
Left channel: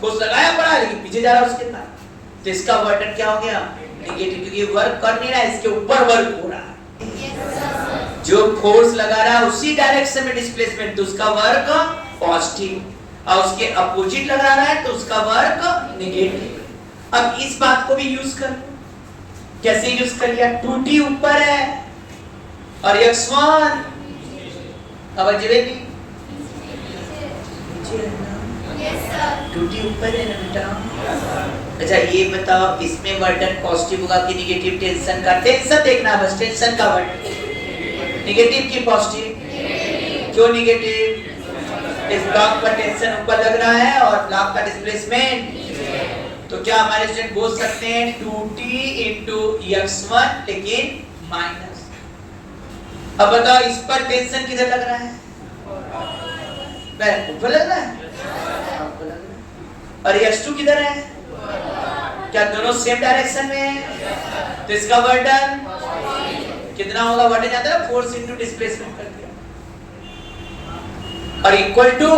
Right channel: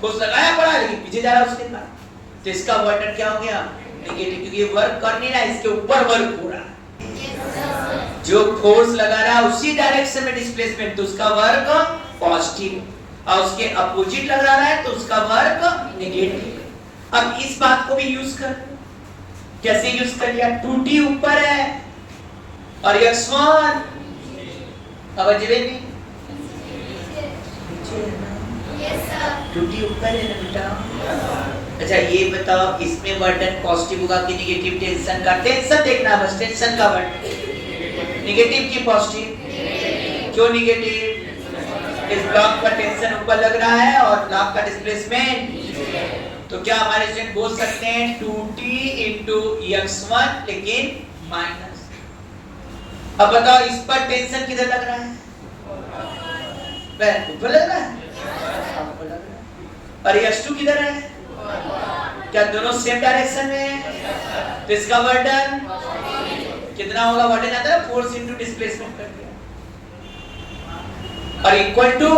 फोर्स लगाया पड़ा है लेकिन पीछे जा रहा है उसके पास, तो इसका वर्क डन क्या हो गया? नेगेटिव, क्योंकि वर्क कर नहीं रहा है, इसके ऊपर वर्क हो रहा है। जो फोर्स लगा रहा है उसी डायरेक्शन में डिस्प्लेसमेंट, तो उसका वर्क पॉजिटिव, और उसके अपोजिट लगा रहा है तो उसका वर्क नेगेटिव। अब इस बात को भी यूज कर लो। कैसे यूज कर लिया? 2t ऊपर है और x1 अब अजबेगी 2t ऊपर है ना बेटा? अच्छा ये बताओ इसमें वर्क डन पॉजिटिव होगा कि नेगेटिव? टेंशन का, टेंशन देखना बस, टेंशन का वर्क नेगेटिव की पॉजिटिव? क्यों नेगेटिव? इस ब्लॉक पर टेंशन ऊपर लग रहा है और ब्लॉक का डिस्प्लेसमेंट तो क्या हमारे स्टूडेंट बोल सकते हैं 2t इंटू x1 लेकिन माइनस। अब बताओ इस पर टेंशन किधर लग रहा है? ऊपर लग रहा है, और x2 किधर है? क्या दोनों सेम डायरेक्शन में है? तो इसका वर्डन कितना होगा? वर्डन आता है फोर्स इंटू डिस्प्लेसमेंट कर दिया, और इक्वल टू,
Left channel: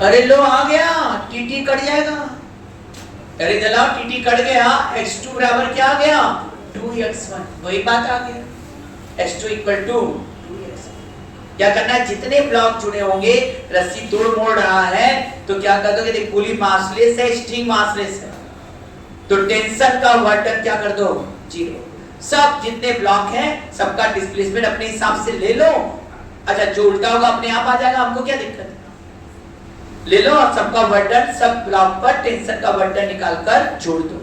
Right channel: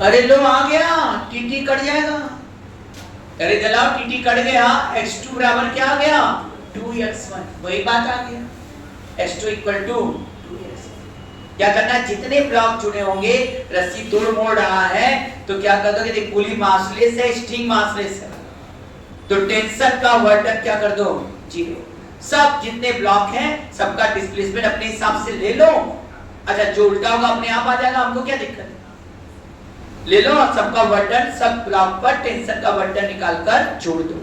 अरे लो आ गया, टी कट जाएगा। अरे चलाओ टी कट गया, x2 बराबर क्या आ गया? 2x1, वही बात आ गया, x2 इक्वल टू 2x1। क्या करना है? जितने ब्लॉक जुड़े होंगे, रस्सी तोड़ मोड़ रहा है, तो क्या कर दोगे? पुली मासलेस है, स्ट्रिंग मासलेस है, तो टेंशन का वर्डन क्या कर दो? 0। सब जितने ब्लॉक हैं सबका डिस्प्लेसमेंट अपने हिसाब से ले लो। अच्छा जो उल्टा होगा अपने आप आ जाएगा, हमको क्या दिक्कत है? ले लो और सबका वर्डन, सब ब्लॉक पर टेंशन का वर्डन निकालकर जोड़ दो,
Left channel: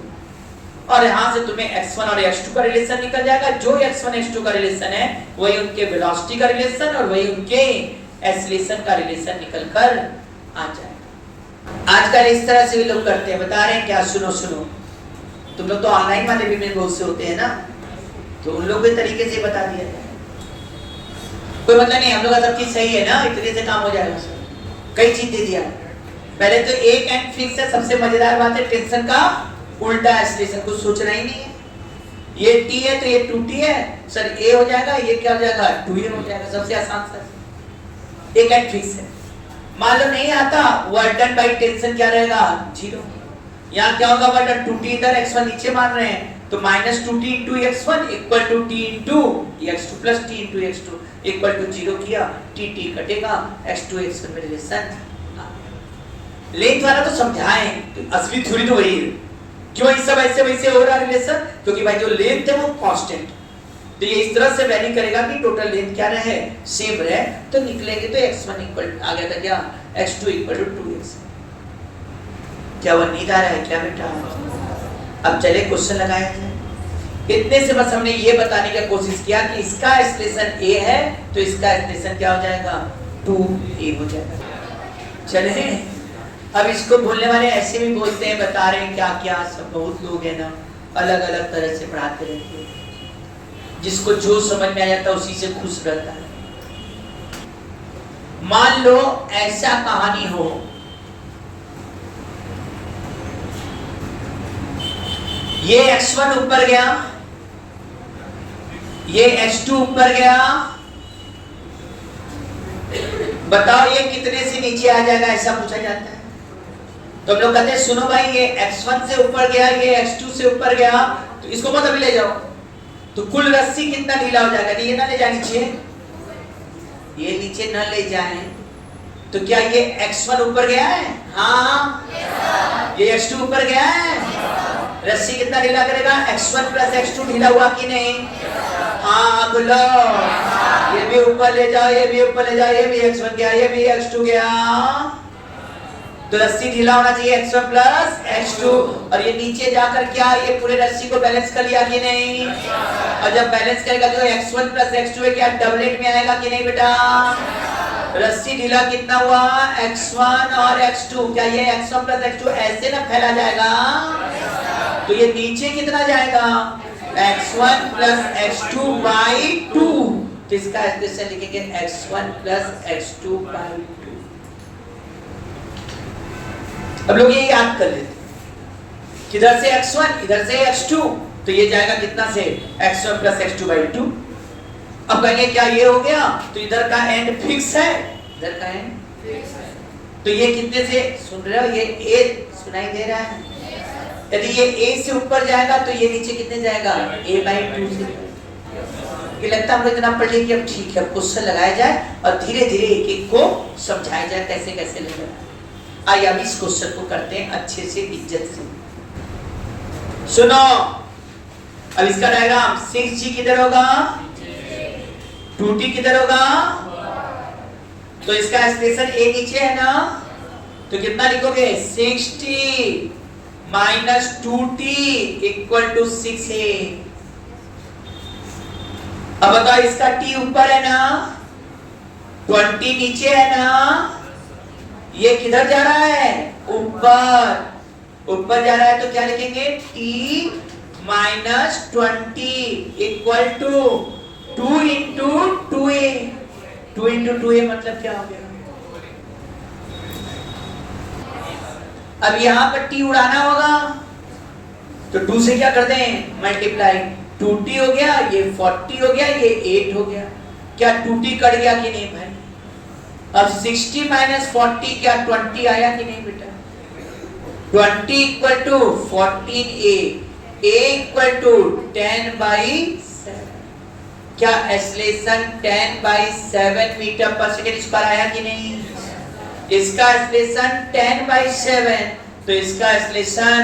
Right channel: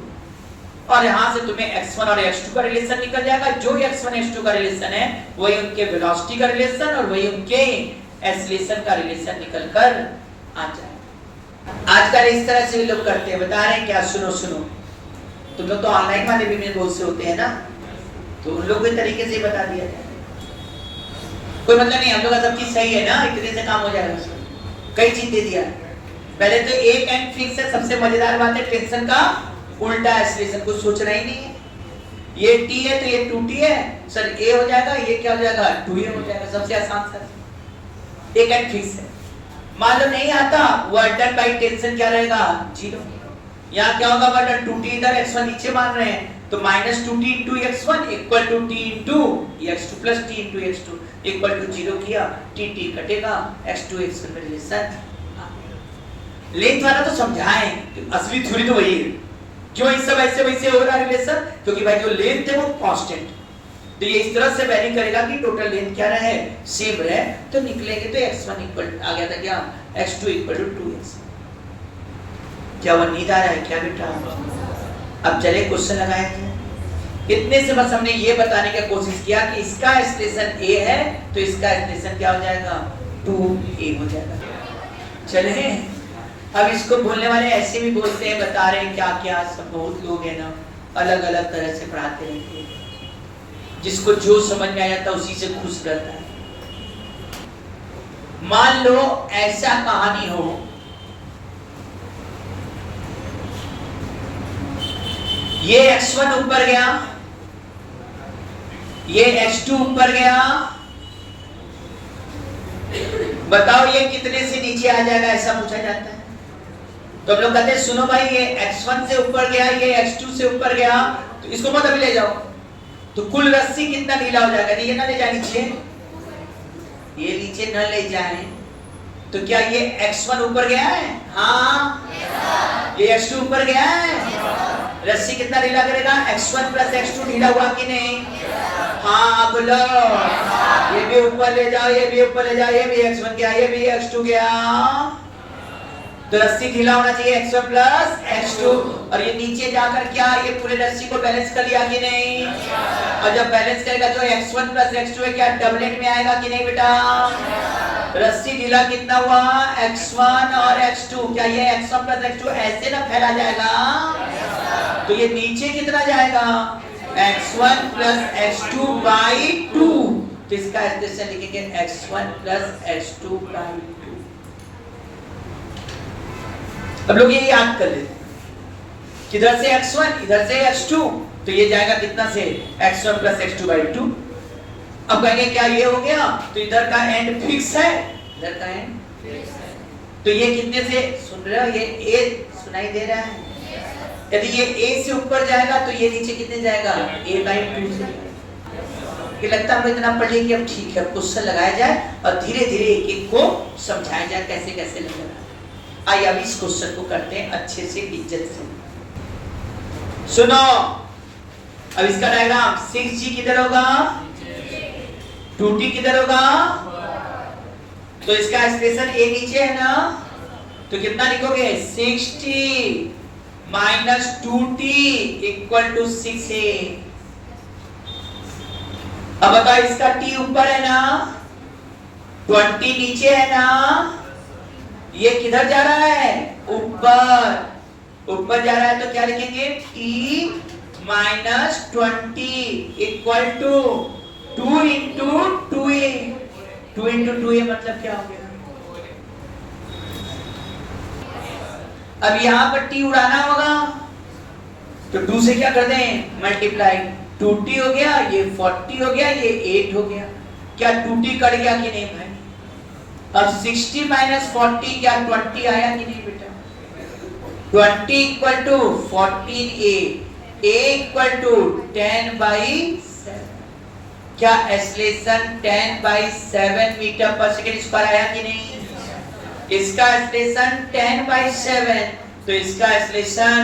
और यहां से तुम्हें x1 और x2 का रिलेशन निकल जाएगा। जो x1 x2 का रिलेशन है वही उनके वेलोसिटी का रिलेशन और वही उनके एक्सीलरेशन का रिलेशन निकलकर आ जाएगा। आजकल इस तरह से भी लोग करते हैं, बता रहे हैं क्या? सुनो सुनो, तुम लोग तो ऑनलाइन वाले भी में बहुत से होते हैं ना, तो उन लोग के तरीके से बता दिया जाए, कोई मतलब नहीं, हम लोग का सब चीज सही है ना, इतने से काम हो जाएगा। कई चीज दे दिया, पहले तो एक एंड फिक्स है। सबसे मजेदार बात है टेंशन का उल्टा एक्सीलरेशन, कुछ सोचना ही नहीं है। ये t है तो ये 2t है, सर a हो जाएगा, ये क्या हो जाएगा? 2a हो जाएगा। सबसे आसान सर, एक एंड फिक्स है। मान लो नहीं आता, वर्डन बाई टेंशन क्या रहेगा? 0। यहाँ क्या होगा? वर्डन 2t इधर, x1 नीचे मान रहे हैं, तो minus 2t into x1 equal to t into x2 plus t into x2 equal to 0 किया, t कटेगा, x2 x1 में रिलेशन। लेंथ वाला तो समझाएं, तो असली थ्योरी तो वही है। क्यों इस सब ऐसे वैसे हो रहा है रिलेशन? क्योंकि भाई जो लेंथ है वो कांस्टेंट, तो ये इस तरह से वैरी करेगा कि टोटल लेंथ क्या रहे? सेम रहे, तो निकलेंगे तो x1 इक्वल आ गया था क्या? x2 equal to 2x। क्या वो नींद आ रहा है क्या बेटा? अब चले क्वेश्चन लगाए थे, इतने से बस हमने ये बताने की कोशिश किया कि इसका एक्सप्रेशन a है तो इसका एक्सप्रेशन क्या हो जाएगा? 2a हो जाएगा। चले अब इसको बोलने वाले ऐसे भी बोलते हैं, बता रहे हैं क्या क्या, सब बहुत लोग हैं ना, अलग अलग तरह से पढ़ाते रहते हैं, जिसको जो समझ में आ जाता है उसी से खुश रहता है। मान लो ऐसा कहानी हो, ये x1 ऊपर गया, ये x2 ऊपर गया, बताओ ये कितने से नीचे आ जाएगा? ऐसा पूछा जाता है। तो हम लोग कहते हैं सुनो भाई, ये x1 से ऊपर गया, ये x2 से ऊपर गया, तो इसको मत अभी ले जाओ, तो कुल रस्सी कितना ढीला हो जाएगा? ये ना ले जानी चाहिए, ये नीचे न ले जाए, तो क्या ये x1 ऊपर गया है? हाँ। ये x2 ऊपर गया है, रस्सी कितना ढीला करेगा? x1 प्लस x2 ढीला हुआ कि नहीं? हाँ बोलो, ये भी ऊपर ले जाओ, ये भी ऊपर ले जाओ, ये भी x1 गया, ये भी x2 गया, तो रस्सी ढीला होना चाहिए x1 प्लस x2, और ये नीचे जाकर क्या ये पूरे रस्सी को बैलेंस कर लिया कि नहीं? और जब बैलेंस करेगा जो x1 प्लस x2 है क्या डबलेट में आएगा कि नहीं बेटा? रस्सी ढीला कितना हुआ? x1 और x2, क्या ये x1 प्लस x2 ऐसे ना फैला जाएगा? तो ये नीचे कितना जाएगा? x1 प्लस x2 बाई 2, तो इसका एक्सप्रेशन लिखेंगे x1 प्लस x2 बाई 2। अब लोग ये याद कर लेते, किधर से x1 इधर से x2, तो ये जाएगा कितना से? x1 plus x2 by 2। अब कहेंगे क्या ये हो गया? तो इधर का एंड फिक्स है, इधर का एंड फिक्स है, तो ये कितने से? सुन रहे हो? ये a सुनाई दे रहा है, यदि ये a से ऊपर जाएगा तो ये नीचे कितने जाएगा? a बाई 2 से। ये लगता है हमको इतना पढ़ लिया कि अब ठीक है, क्वेश्चन लगाया जाए और धीरे धीरे एक एक को समझाया जाए कैसे कैसे लिखना है। आइए अब इस क्वेश्चन को करते हैं अच्छे से, इज्जत से। सुनो, अब इसका डायग्राम 6G किधर होगा? 2T किधर होगा? तो इसका एक्सप्रेशन a नीचे है ना, तो कितना लिखोगे? 6T minus 2T equal to 6a। अब बताओ इसका t ऊपर है ना, 20 नीचे है ना, ये किधर जा रहा है? ऊपर। ऊपर जा रहा है तो क्या लिखेंगे? t minus 20 equal to 2 into 2a। 2 into 2a मतलब क्या हो गया? अब यहां पर t उड़ाना होगा तो 2 से क्या कर दें? मल्टीप्लाई। 2t हो गया, ये 40 हो गया, ये 8 हो गया। क्या 2t कट गया कि नहीं भाई? अब 60 माइनस 40 क्या 20 आया कि नहीं बेटा? 20 equal to 14a, a equal to 10/7। क्या एक्सेलरेशन 10/7 मीटर पर सेकेंड स्क्वायर आया कि नहीं? इसका एक्सेलरेशन 10/7 तो इसका एक्सेलरेशन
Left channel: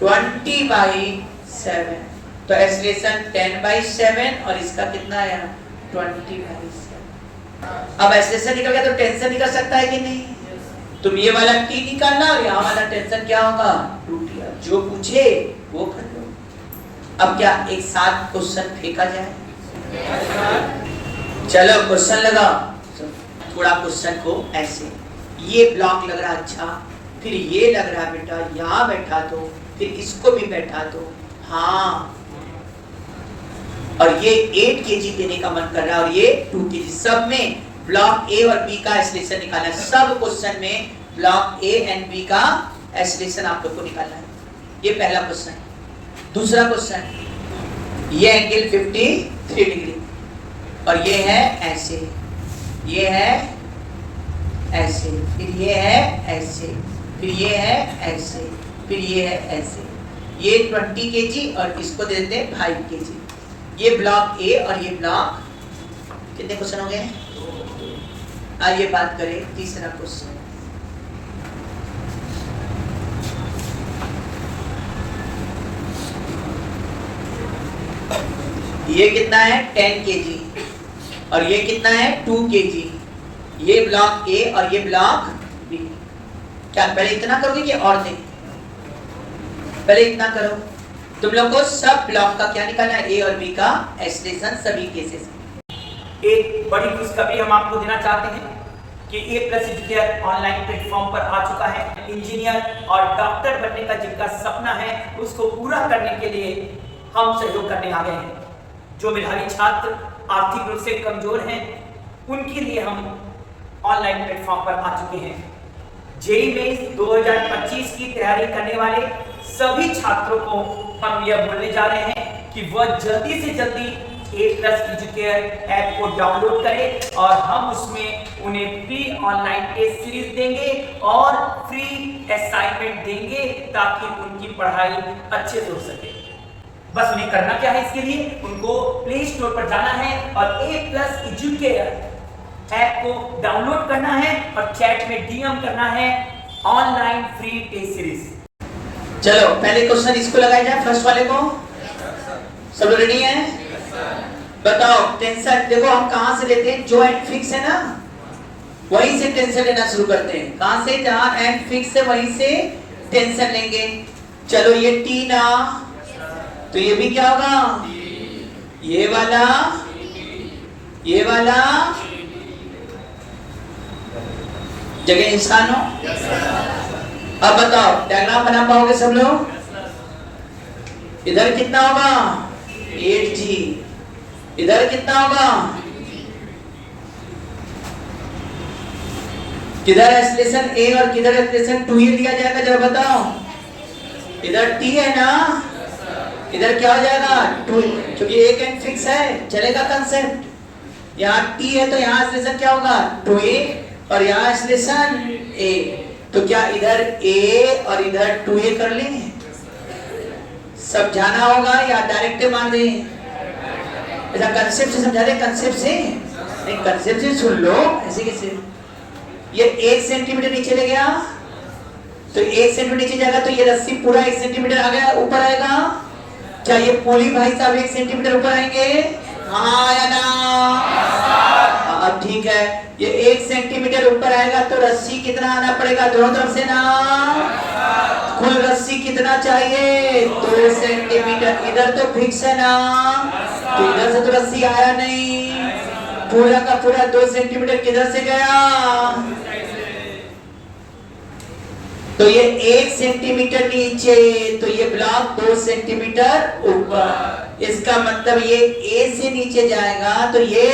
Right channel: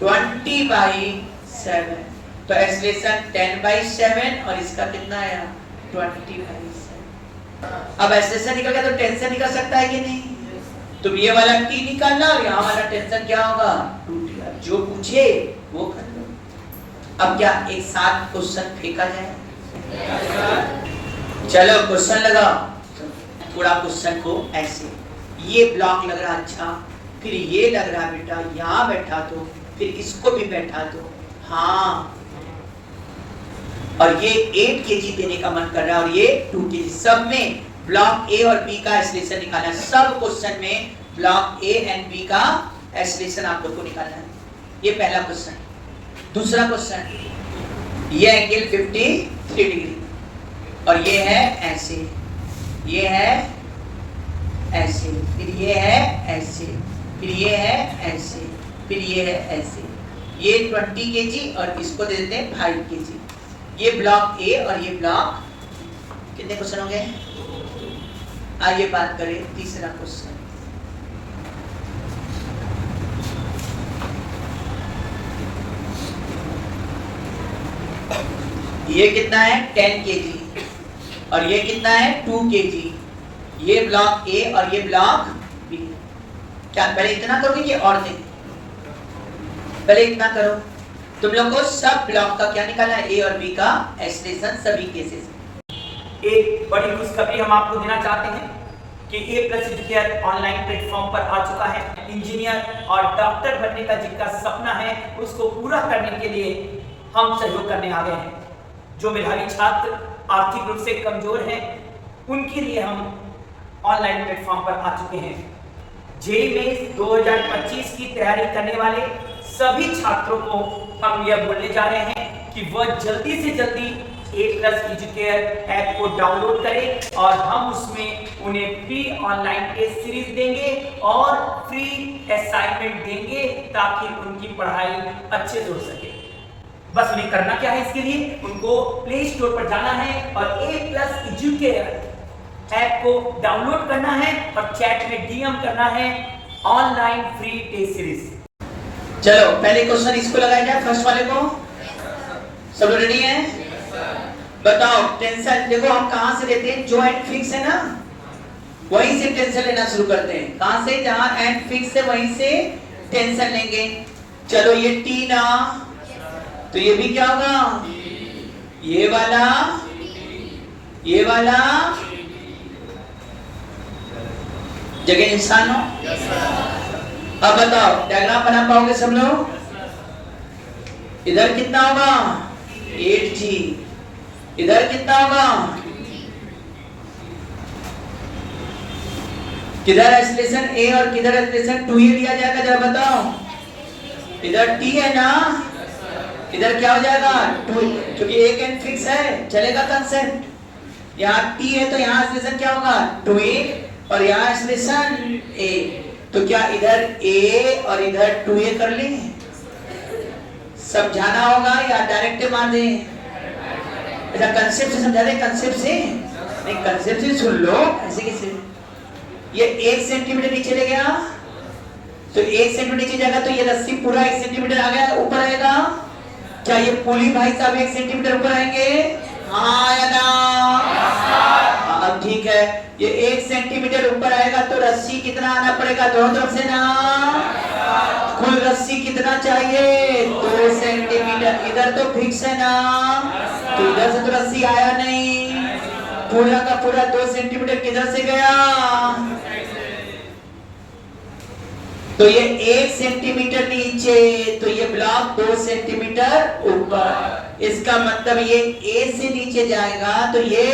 20/7। तो एक्सेलरेशन 10/7 और इसका कितना आया? 20/7। अब एक्सेलरेशन निकल गया तो टेंशन निकल सकता है कि नहीं? तुम ये वाला t निकालना और यहाँ वाला टेंशन क्या होगा? 2t। जो पूछे वो कर लो। अब क्या एक साथ क्वेश्चन फेंका जाए? चलो क्वेश्चन लगा। थोड़ा क्वेश्चन को ऐसे, ये ब्लॉक लग रहा अच्छा, फिर ये लग रहा बेटा यहाँ बैठा दो, फिर इसको भी बैठा दो। हाँ, और ये 8 kg देने का मन कर रहा है और ये 2 kg। सब में ब्लॉक ए और बी का एक्सेलरेशन निकालना है। सब क्वेश्चन में ब्लॉक ए एंड बी का एक्सेलरेशन आप लोग को निकालना है। ये पहला क्वेश्चन। दूसरा क्वेश्चन, ये एंगल 53 डिग्री और ये है ऐसे, ये है ऐसे, फिर ये है ऐसे, फिर ये है ऐसे, फिर ये है ऐसे। ये 20 kg और इसको दे देते हैं 5 kg। ये ब्लॉक ए और ये ब्लॉक, कितने क्वेश्चन हो गए? आइए बात करें तीसरा क्वेश्चन। ये कितना है? 10 kg और ये कितना है? 2 kg। ये ब्लॉक ए और ये ब्लॉक बी। क्या पहले इतना करोगे कि और नहीं? पहले इतना करो। तुम लोग को सब ब्लॉक का क्या निकालना है? ए और बी का एक्सेलरेशन सभी केसेस। एक बड़ी खुशखबरी हम आपको देना चाहते हैं कि ए प्लस एजुकेयर ऑनलाइन प्लेटफॉर्म पर आ चुका है। इंजीनियर और डॉक्टर बनने का जिनका सपना है उसको पूरा करने के लिए हम सहयोग करने आ गए हैं। जो मेधावी छात्र आर्थिक रूप से कमजोर हैं उनके लिए हम ऑनलाइन प्लेटफॉर्म पर आ चुके हैं। जेईई मेंस 2025 की तैयारी करने वाले सभी छात्रों को हम यह बोलने जा रहे हैं कि वह जल्दी से जल्दी ए प्लस एजुकेयर ऐप को डाउनलोड करें और हम उसमें उन्हें फ्री ऑनलाइन टेस्ट सीरीज देंगे और फ्री असाइनमेंट देंगे ताकि उनकी पढ़ाई अच्छे से हो सके। बस उन्हें करना क्या है? इसके लिए उनको प्ले स्टोर पर जाना है और ए प्लस एजुकेयर ऐप को डाउनलोड करना है और चैट में डीएम करना है ऑनलाइन फ्री टेस्ट सीरीज। चलो पहले क्वेश्चन इसको लगाया जाए, फर्स्ट वाले को। सब लोग रेडी हैं? बताओ टेंशन देखो हम कहां से लेते हैं? जो एंड फिक्स है ना वहीं से टेंशन लेना शुरू करते हैं। कहां से? जहां एंड फिक्स है वहीं से टेंशन लेंगे। चलो ये टी ना, तो ये भी क्या होगा? ये वाला, ये वाला जगह इंसान हो। अब बताओ डायग्राम बना पाओगे सब लोग? इधर कितना होगा? 8g। इधर कितना होगा? किधर एक्सेलरेशन a और किधर एक्सेलरेशन 2a लिया जाएगा? जरा बताओ। इधर t है ना, इधर क्या हो जाएगा? 2, क्योंकि एक एंड फिक्स है, चलेगा कंसेप्ट। यहाँ t है तो यहाँ एक्सेलरेशन क्या होगा? 2a और यहाँ एक्सेलरेशन a। तो क्या इधर a और इधर 2a कर लें? समझाना होगा या डायरेक्ट मान दें? ऐसा कंसेप्ट से समझा दे? कंसेप्ट से नहीं, कंसेप्ट से सुन लो। ऐसे कैसे? ये 1 सेंटीमीटर नीचे ले गया तो 1 सेंटीमीटर नीचे जाएगा तो ये रस्सी पूरा 1 सेंटीमीटर आ गया, ऊपर आएगा। क्या ये पुली भाई साहब 1 सेंटीमीटर ऊपर आएंगे? हाँ या ना? ठीक है। ये 1 सेंटीमीटर ऊपर आएगा तो रस्सी कितना आना पड़ेगा? दोनों तरफ से ना। कुल रस्सी कितना चाहिए? 2 सेंटीमीटर। इधर तो फिक्स है ना, तो इधर से तो रस्सी आया नहीं। पूरा का पूरा 2 सेंटीमीटर किधर से गया? तो ये 1 सेंटीमीटर नीचे, तो ये ब्लॉक 2 सेंटीमीटर ऊपर। इसका मतलब ये ए से नीचे जाएगा तो ये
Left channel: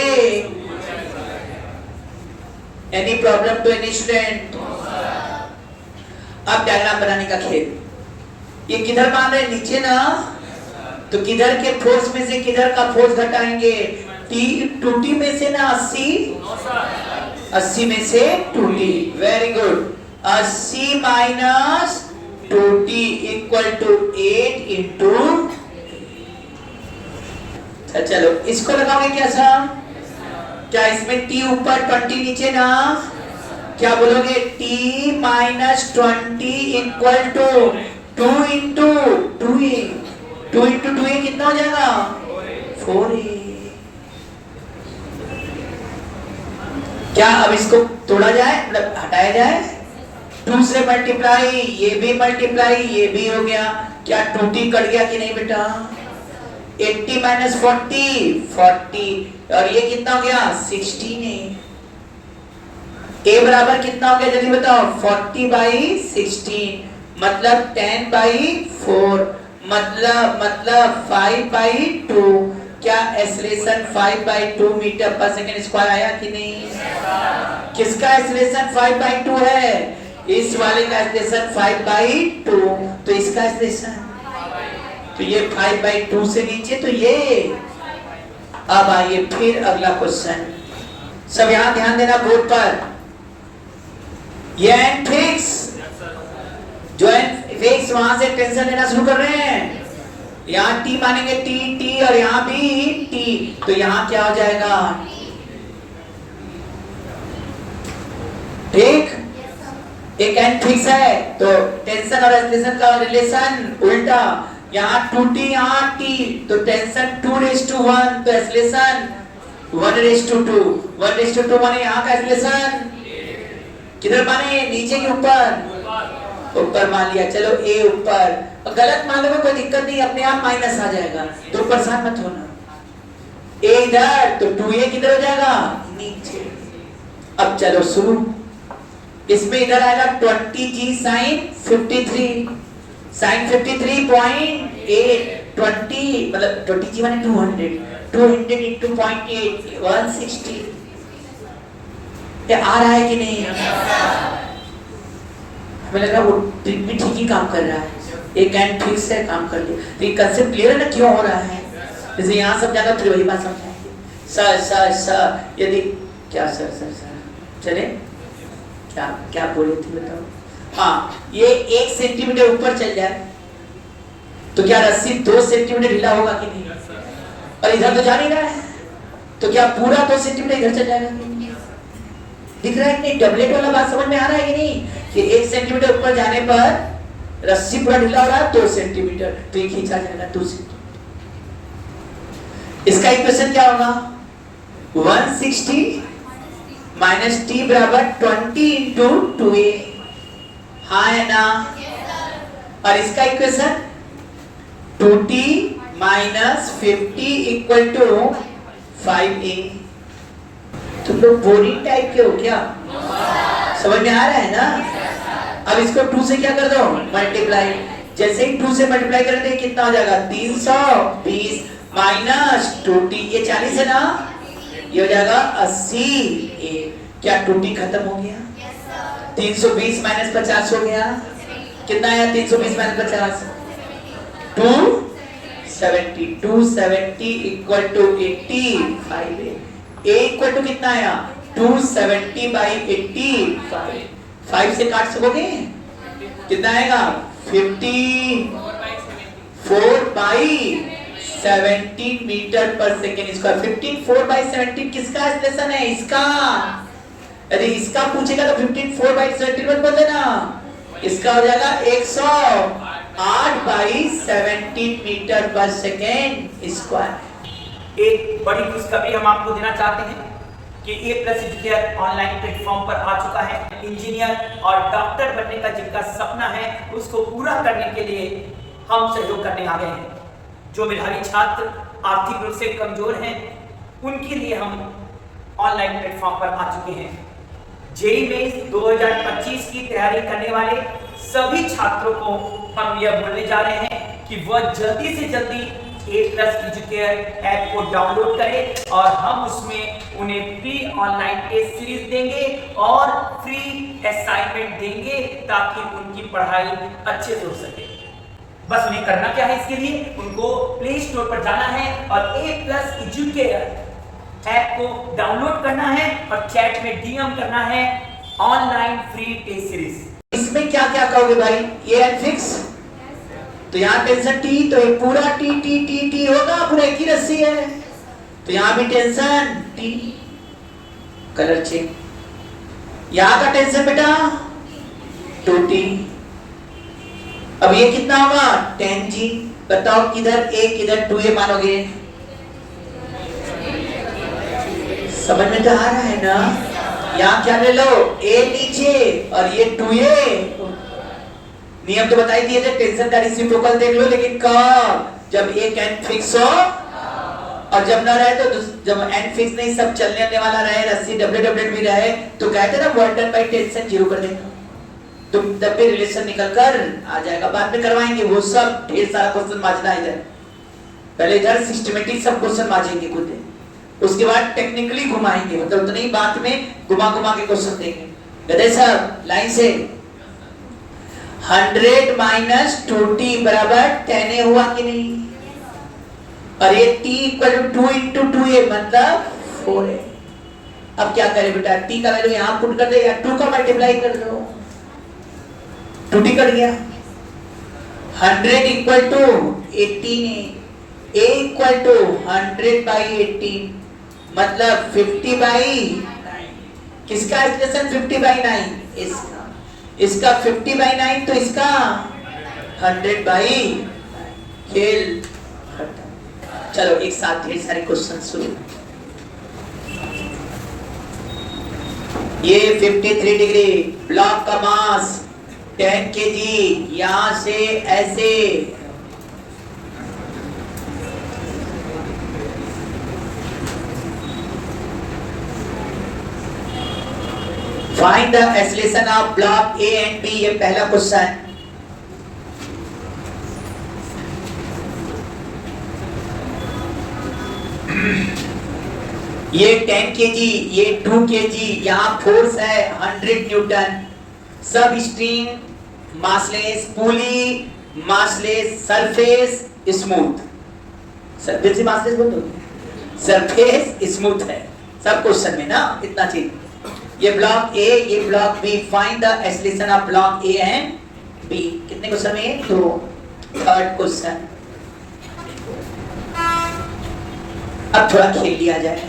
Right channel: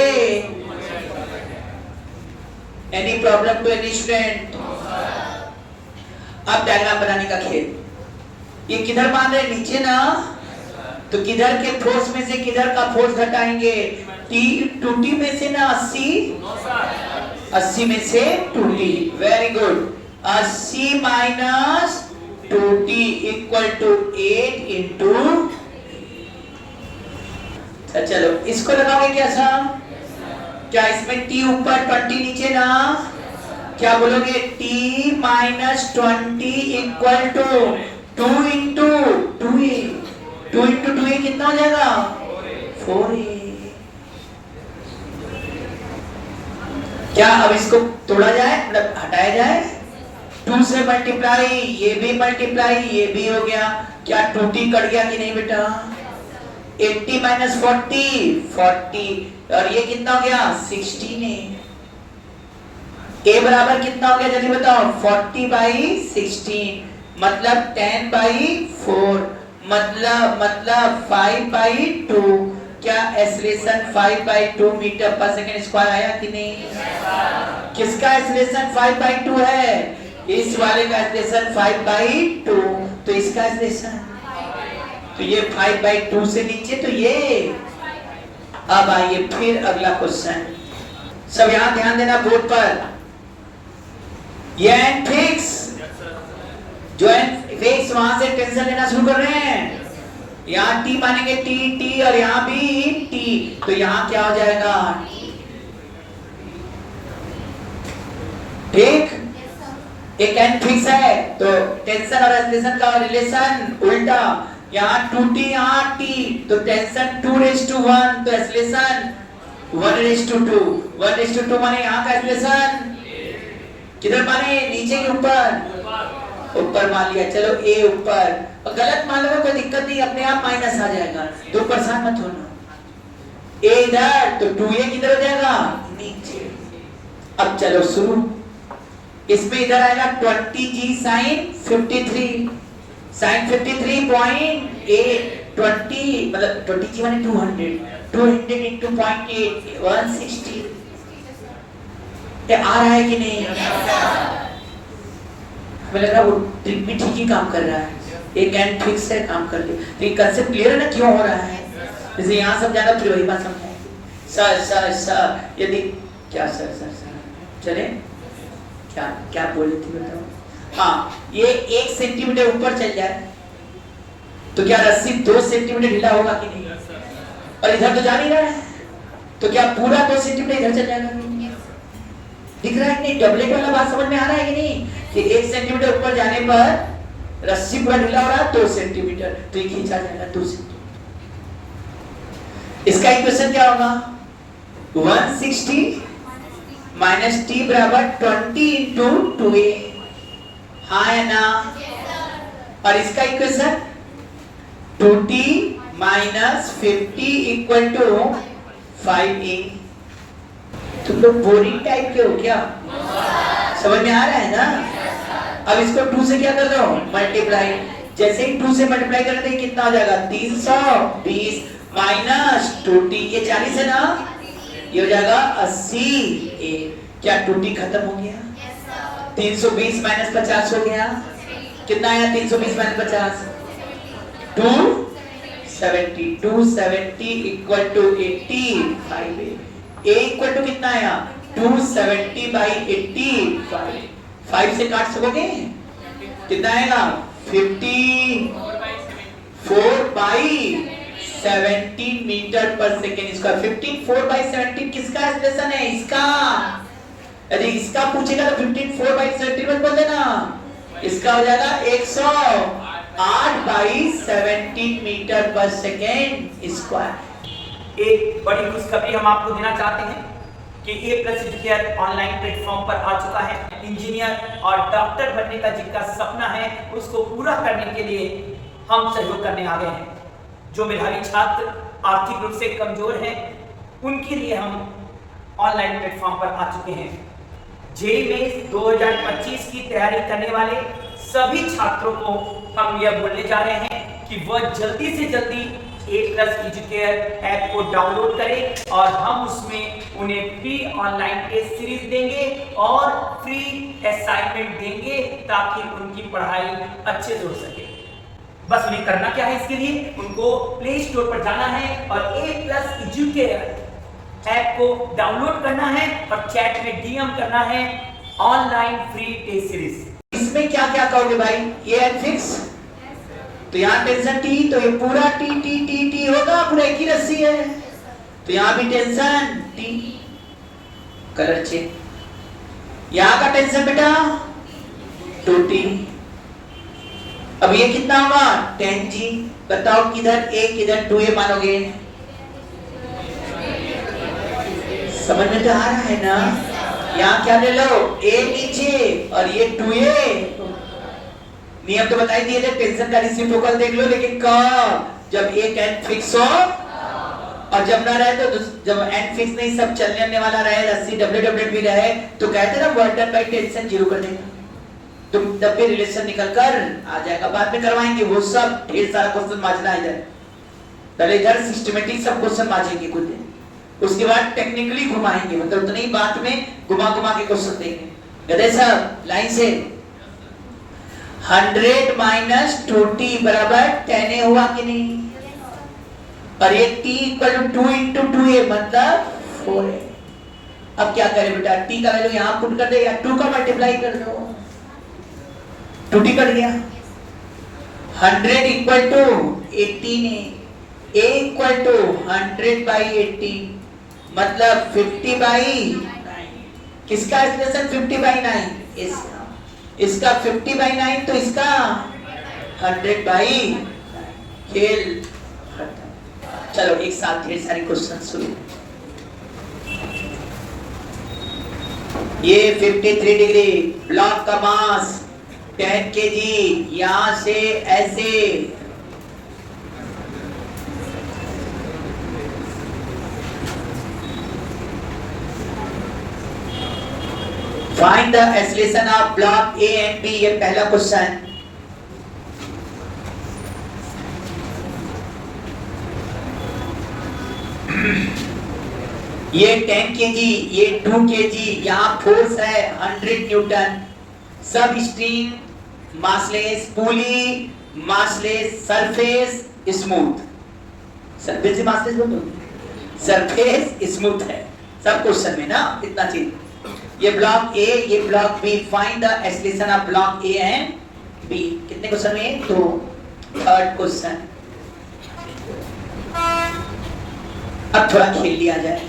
any problem to any student. अब डायग्राम बनाने का खेल। ये किधर मान रहे नीचे ना, तो किधर के फोर्स में से किधर का फोर्स घटाएंगे? टी 2t में से ना 80 में से 2t। Very good. 80 minus 2t equal to 8 into. चलो इसको लगाओगे क्या सम? क्या इसमें t ऊपर 20 नीचे ना, क्या बोलोगे? t minus 20 equal to 2 into 2a। 2 into 2a कितना हो जाएगा? 4a। क्या अब इसको तोड़ा जाए, मतलब हटाया जाए? 2 से मल्टीप्लाई, ये भी मल्टीप्लाई, ये भी हो गया। क्या 2t कट गया कि नहीं बेटा? 80 माइनस 40 और ये कितना हो गया? 16। a बराबर कितना हो गया जल्दी बताओ? 40/16 मतलब 10/4 मतलब 5/2। क्या एक्सेलरेशन 5/2 मीटर पर सेकंड स्क्वायर आया कि नहीं? किसका एक्सेलरेशन 5/2 है? इस वाले का एक्सेलरेशन 5/2। तो इसका एक्सेलरेशन, तो ये 5/2 से नीचे, तो ये। अब आइए फिर अगला क्वेश्चन। सब यहां ध्यान देना बोर्ड पर। ये एंड फिक्स, जो एंड फिक्स वहां से टेंशन लेना शुरू कर रहे हैं। यहाँ t मानेंगे t और यहाँ भी t, तो यहाँ क्या हो जाएगा? ठीक। एक एंड फिक्स है तो टेंशन और एक्सेलरेशन का रिलेशन उल्टा। यहाँ 2t यहाँ t, तो टेंशन 2:1 तो एक्सेलरेशन 1:2। 1:2 माने यहाँ का एक्सेलरेशन किधर माने? नीचे के ऊपर? ऊपर मान लिया। चलो a ऊपर, गलत मान लो कोई दिक्कत नहीं, अपने आप माइनस आ जाएगा, तो परेशान मत होना। a इधर तो 2a किधर हो जाएगा? नीचे। अब चलो शुरू। इसमें इधर आएगा 20g sin 53 53.8 20 मतलब 20g माने 200 into 0.8 160। ये आ रहा है कि नहीं? हमें लग रहा है वो ट्रिक भी ठीक ही काम कर रहा है। एक एंड फिक्स है, काम कर दे। तो ये कंसेप्ट क्लियर है ना क्यों हो रहा है? जैसे यहाँ समझाना फिर वही बात समझाएंगे। सर यदि क्या सर चले क्या बोल रही थी बताओ? हाँ, ये 1 सेंटीमीटर ऊपर चल जाए तो क्या रस्सी 2 सेंटीमीटर ढीला होगा कि नहीं? और इधर तो जा नहीं रहा है, तो क्या पूरा 2 सेंटीमीटर इधर चल जाएगा? दिख रहा है कि नहीं? डबलेट वाला बात समझ में आ रहा है कि नहीं? कि 1 सेंटीमीटर ऊपर जाने पर रस्सी पूरा ढीला हो रहा है 2 सेंटीमीटर, तो ये खींचा जाएगा 2 सेंटीमीटर। इसका इक्वेशन क्या होगा? 160 माइनस t बराबर 20 इंटू 2a। हाँ है ना? और इसका equation 2t minus 50 equal to 5a। तुम लोग बोरिंग टाइप के हो क्या? समझ में आ रहा है ना? अब इसको 2 से क्या कर दो? मल्टीप्लाई। जैसे ही 2 से मल्टीप्लाई करेंगे कितना हो जाएगा? 320 माइनस 2t, ये 40 है ना, ये हो जाएगा 80a। क्या 2t खत्म हो गया? 320 माइनस 50 हो गया, कितना आया? 320 minus 50 270। 270 equal to 85a। a equal to कितना आया? 270/85। 5 से काट सकोगे? कितना आएगा? 54/17 मीटर पर सेकेंड स्क्वायर। 54/17 किसका एक्सप्रेशन है? इसका। यदि इसका पूछेगा तो 54/17 मत बोल देना, इसका हो जाएगा 108/17 मीटर पर सेकेंड स्क्वायर। एक बड़ी खुशखबरी हम आपको देना चाहते हैं कि ये प्रसिद्ध केयर ऑनलाइन प्लेटफॉर्म पर आ चुका है। इंजीनियर और डॉक्टर बनने का जिनका सपना है उसको पूरा करने के लिए हम सहयोग करने आ गए हैं। जो मेधावी छात्र आर्थिक रूप से कमजोर हैं उनके लिए हम ऑनलाइन प्लेटफॉर्म पर आ चुके हैं। जेईई मेंस 2025 की तैयारी करने वाले सभी छात्रों को हम यह बोलने जा रहे हैं कि वह जल्दी से जल्दी A+ एजुकेयर ऐप को डाउनलोड करें और हम उसमें उन्हें फ्री ऑनलाइन टेस्ट सीरीज देंगे और फ्री असाइनमेंट देंगे ताकि उनकी पढ़ाई अच्छे से हो सके। बस उन्हें करना क्या है, इसके लिए उनको प्ले स्टोर पर जाना है और A+ एजुकेयर ऐप को डाउनलोड करना है और चैट में DM करना है ऑनलाइन फ्री टेस्ट सीरीज। इसमें क्या क्या कहोगे भाई? ये एंड फिक्स, तो यहाँ टेंशन टी, तो ये पूरा टी टी टी टी होगा, पूरा एक ही रस्सी है, तो यहाँ भी टेंशन टी, कलर चेंज। यहाँ का टेंशन बेटा 2t, अब ये कितना होगा 10g। बताओ किधर a किधर 2a मानोगे? समझ में तो आ रहा है ना? यहाँ क्या ले लो, a नीचे और ये 2a। नियम तो बताई दिए थे, टेंशन का रेसिप्रोकल देख लो, लेकिन कब? जब एक एंड फिक्स हो, और जब ना रहे तो जब एंड फिक्स नहीं, सब चलने वाला रहे, रस्सी डब्ल्यू भी रहे, तो कहते ना वर्क डन बाय टेंशन 0 कर देंगे, तो तब भी रिलेशन निकल कर आ जाएगा। बाद में करवाएंगे वो सब, ढेर सारा क्वेश्चन मांझना इधर, पहले इधर सिस्टमेटिक सब क्वेश्चन मांझेंगे खुद, उसके बाद टेक्निकली घुमाएंगे, मतलब उतनी बात में घुमा घुमा के क्वेश्चन देंगे। गधे साहब लाइन से 100 माइनस 2t बराबर 10a हुआ कि नहीं? और ये t equal to 2 into 2a मतलब 4a। अब क्या करें बेटा, t का वैल्यू यहां पुट कर दे या 2 का मल्टीप्लाई कर दो, 2t कट गया। 100 equal to 18a, a equal to 100 by 18 मतलब 50 बाई 9। किसका एक्सप्रेशन 50 बाई 9? इसका 50 बाई 9, तो इसका 100 बाई। खेल चलो एक साथ ढेर सारे क्वेश्चन सुनो। ये 53 डिग्री ब्लॉक का मास 10 kg, यहां से ऐसे find the acceleration of block A and B, ये पहला क्वेश्चन। ये 10 kg, ये 2 kg, यहाँ फोर्स है 100 न्यूटन। सब स्ट्रिंग मासलेस, पुली मासलेस, सरफेस स्मूथ, सरफेस से मासलेस बोल दो, सरफेस स्मूथ है सब क्वेश्चन में ना, इतना चीज। ये ब्लॉक A, ये block B, find the acceleration of block A and B। कितने क्वेश्चन में? 2। थर्ड क्वेश्चन, अब थोड़ा खेल लिया जाए।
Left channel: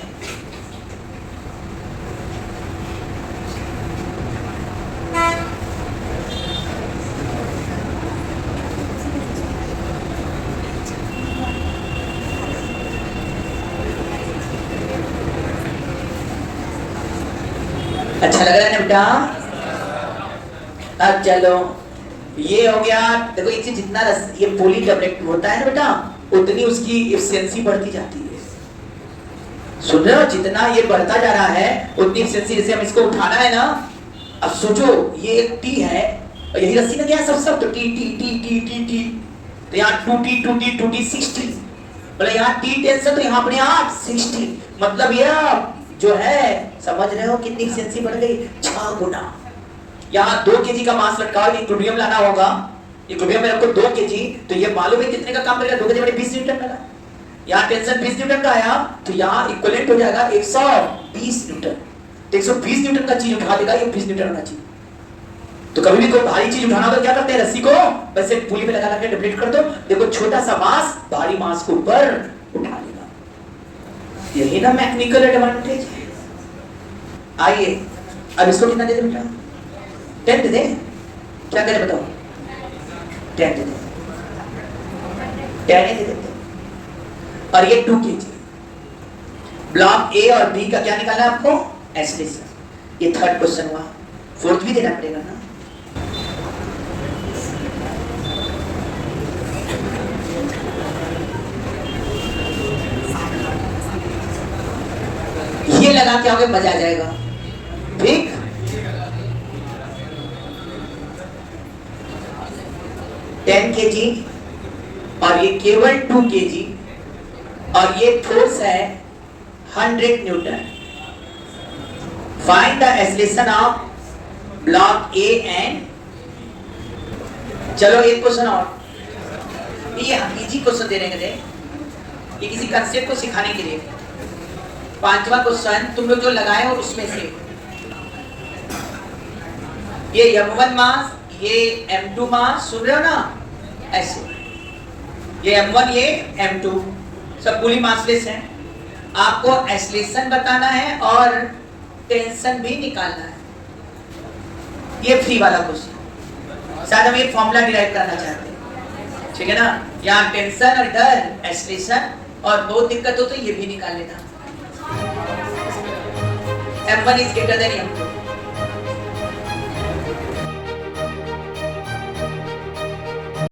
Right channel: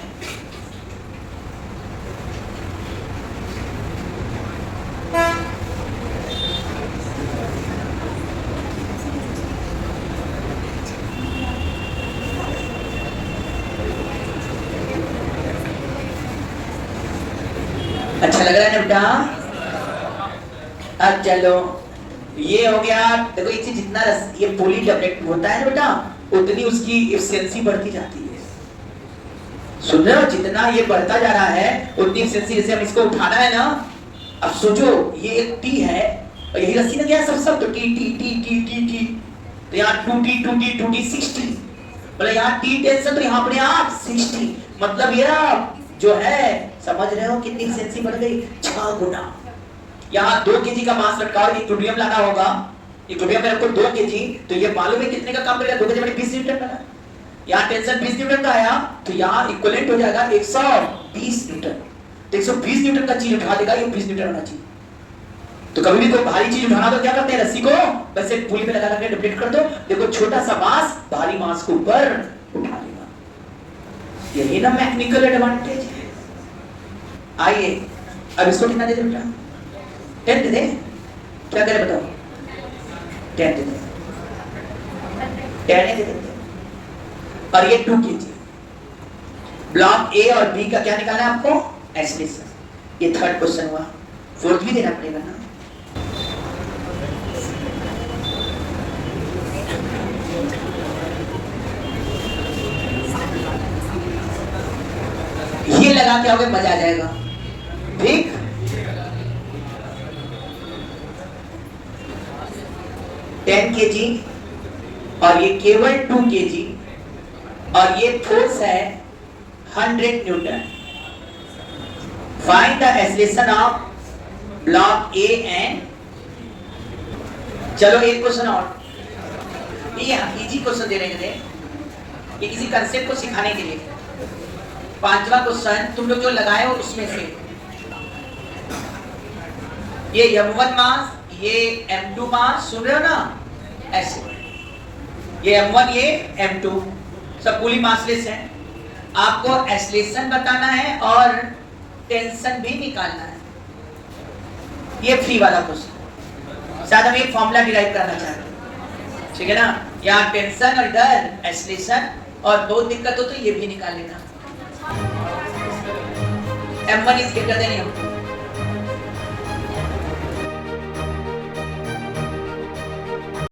अच्छा लग रहा है ना बेटा? अब चलो ये हो गया। देखो एक चीज, जितना ये पोली डबलेट होता है ना बेटा, उतनी उसकी एफिशिएंसी बढ़ती जाती है। सुन रहे हो? जितना ये बढ़ता जा रहा है उतनी एफिशिएंसी। जैसे हम इसको उठाना है ना, अब सोचो ये एक टी है और यही रस्सी में क्या है, सब तो T T T T T T, तो यहाँ 2t 2t 2t 60, मतलब यहाँ टी टेंशन, तो यहाँ अपने 8 60, मतलब ये जो है, समझ रहे हो कितनी एफिशिएंसी बढ़ गई? 6 गुना। यहाँ 2 kg का मास रखा है, इक्विलिब्रियम लाना होगा, इक्विलिब्रियम में रखो 2 kg, तो ये मालूम है कितने का काम करेगा? 2 kg में 20 न्यूटन लगा, यहाँ टेंशन 20 न्यूटन का आया, तो यहाँ इक्विवेलेंट हो जाएगा 120 न्यूटन। तो 120 न्यूटन का चीज उठा देगा, ये 20 न्यूटन होना चाहिए। तो कभी भी कोई भारी चीज उठाना तो क्या करते हैं, रस्सी को बस एक पुली पे लगा के डिप्लीट कर दो, देखो छोटा सा मास भारी मास को ऊपर उठा लेगा। यही ना मैकेनिकल एडवांटेज है। आइए अब इसको कितना दे दे बेटा? 10 दे दे, क्या करे बताओ? 10 दे दे, 10 दे देते। और ये 2 kg। ब्लॉक ए और बी का क्या निकालना है आपको? एक्सेलरेशन। ये थर्ड क्वेश्चन हुआ, फोर्थ भी देना पड़ेगा ना। ये लगा के आओगे मजा आ जाएगा, ठीक? kg और ये केवल 2 kg और ये फोर्स है 100 Newton. Find the acceleration of block A and. चलो एक क्वेश्चन और, ये इजी क्वेश्चन दे रहे हैं, ये किसी कंसेप्ट को सिखाने के लिए। 5वां क्वेश्चन तुम लोग जो लगाए हो उसमें से ये m1 मास, ये m2 मास, सुन रहे हो ना ऐसे, ये m1 ये m2 सब पूरी मासलेस हैं। आपको एक्सेलरेशन बताना है और टेंशन भी निकालना है। ये फ्री वाला क्वेश्चन, शायद हम एक फॉर्मूला डिराइव करना चाहते हैं, ठीक है ना। यहाँ टेंशन और डर, एक्सेलरेशन और बहुत दिक्कत हो तो ये भी निकाल लेना। m1 is greater than m2।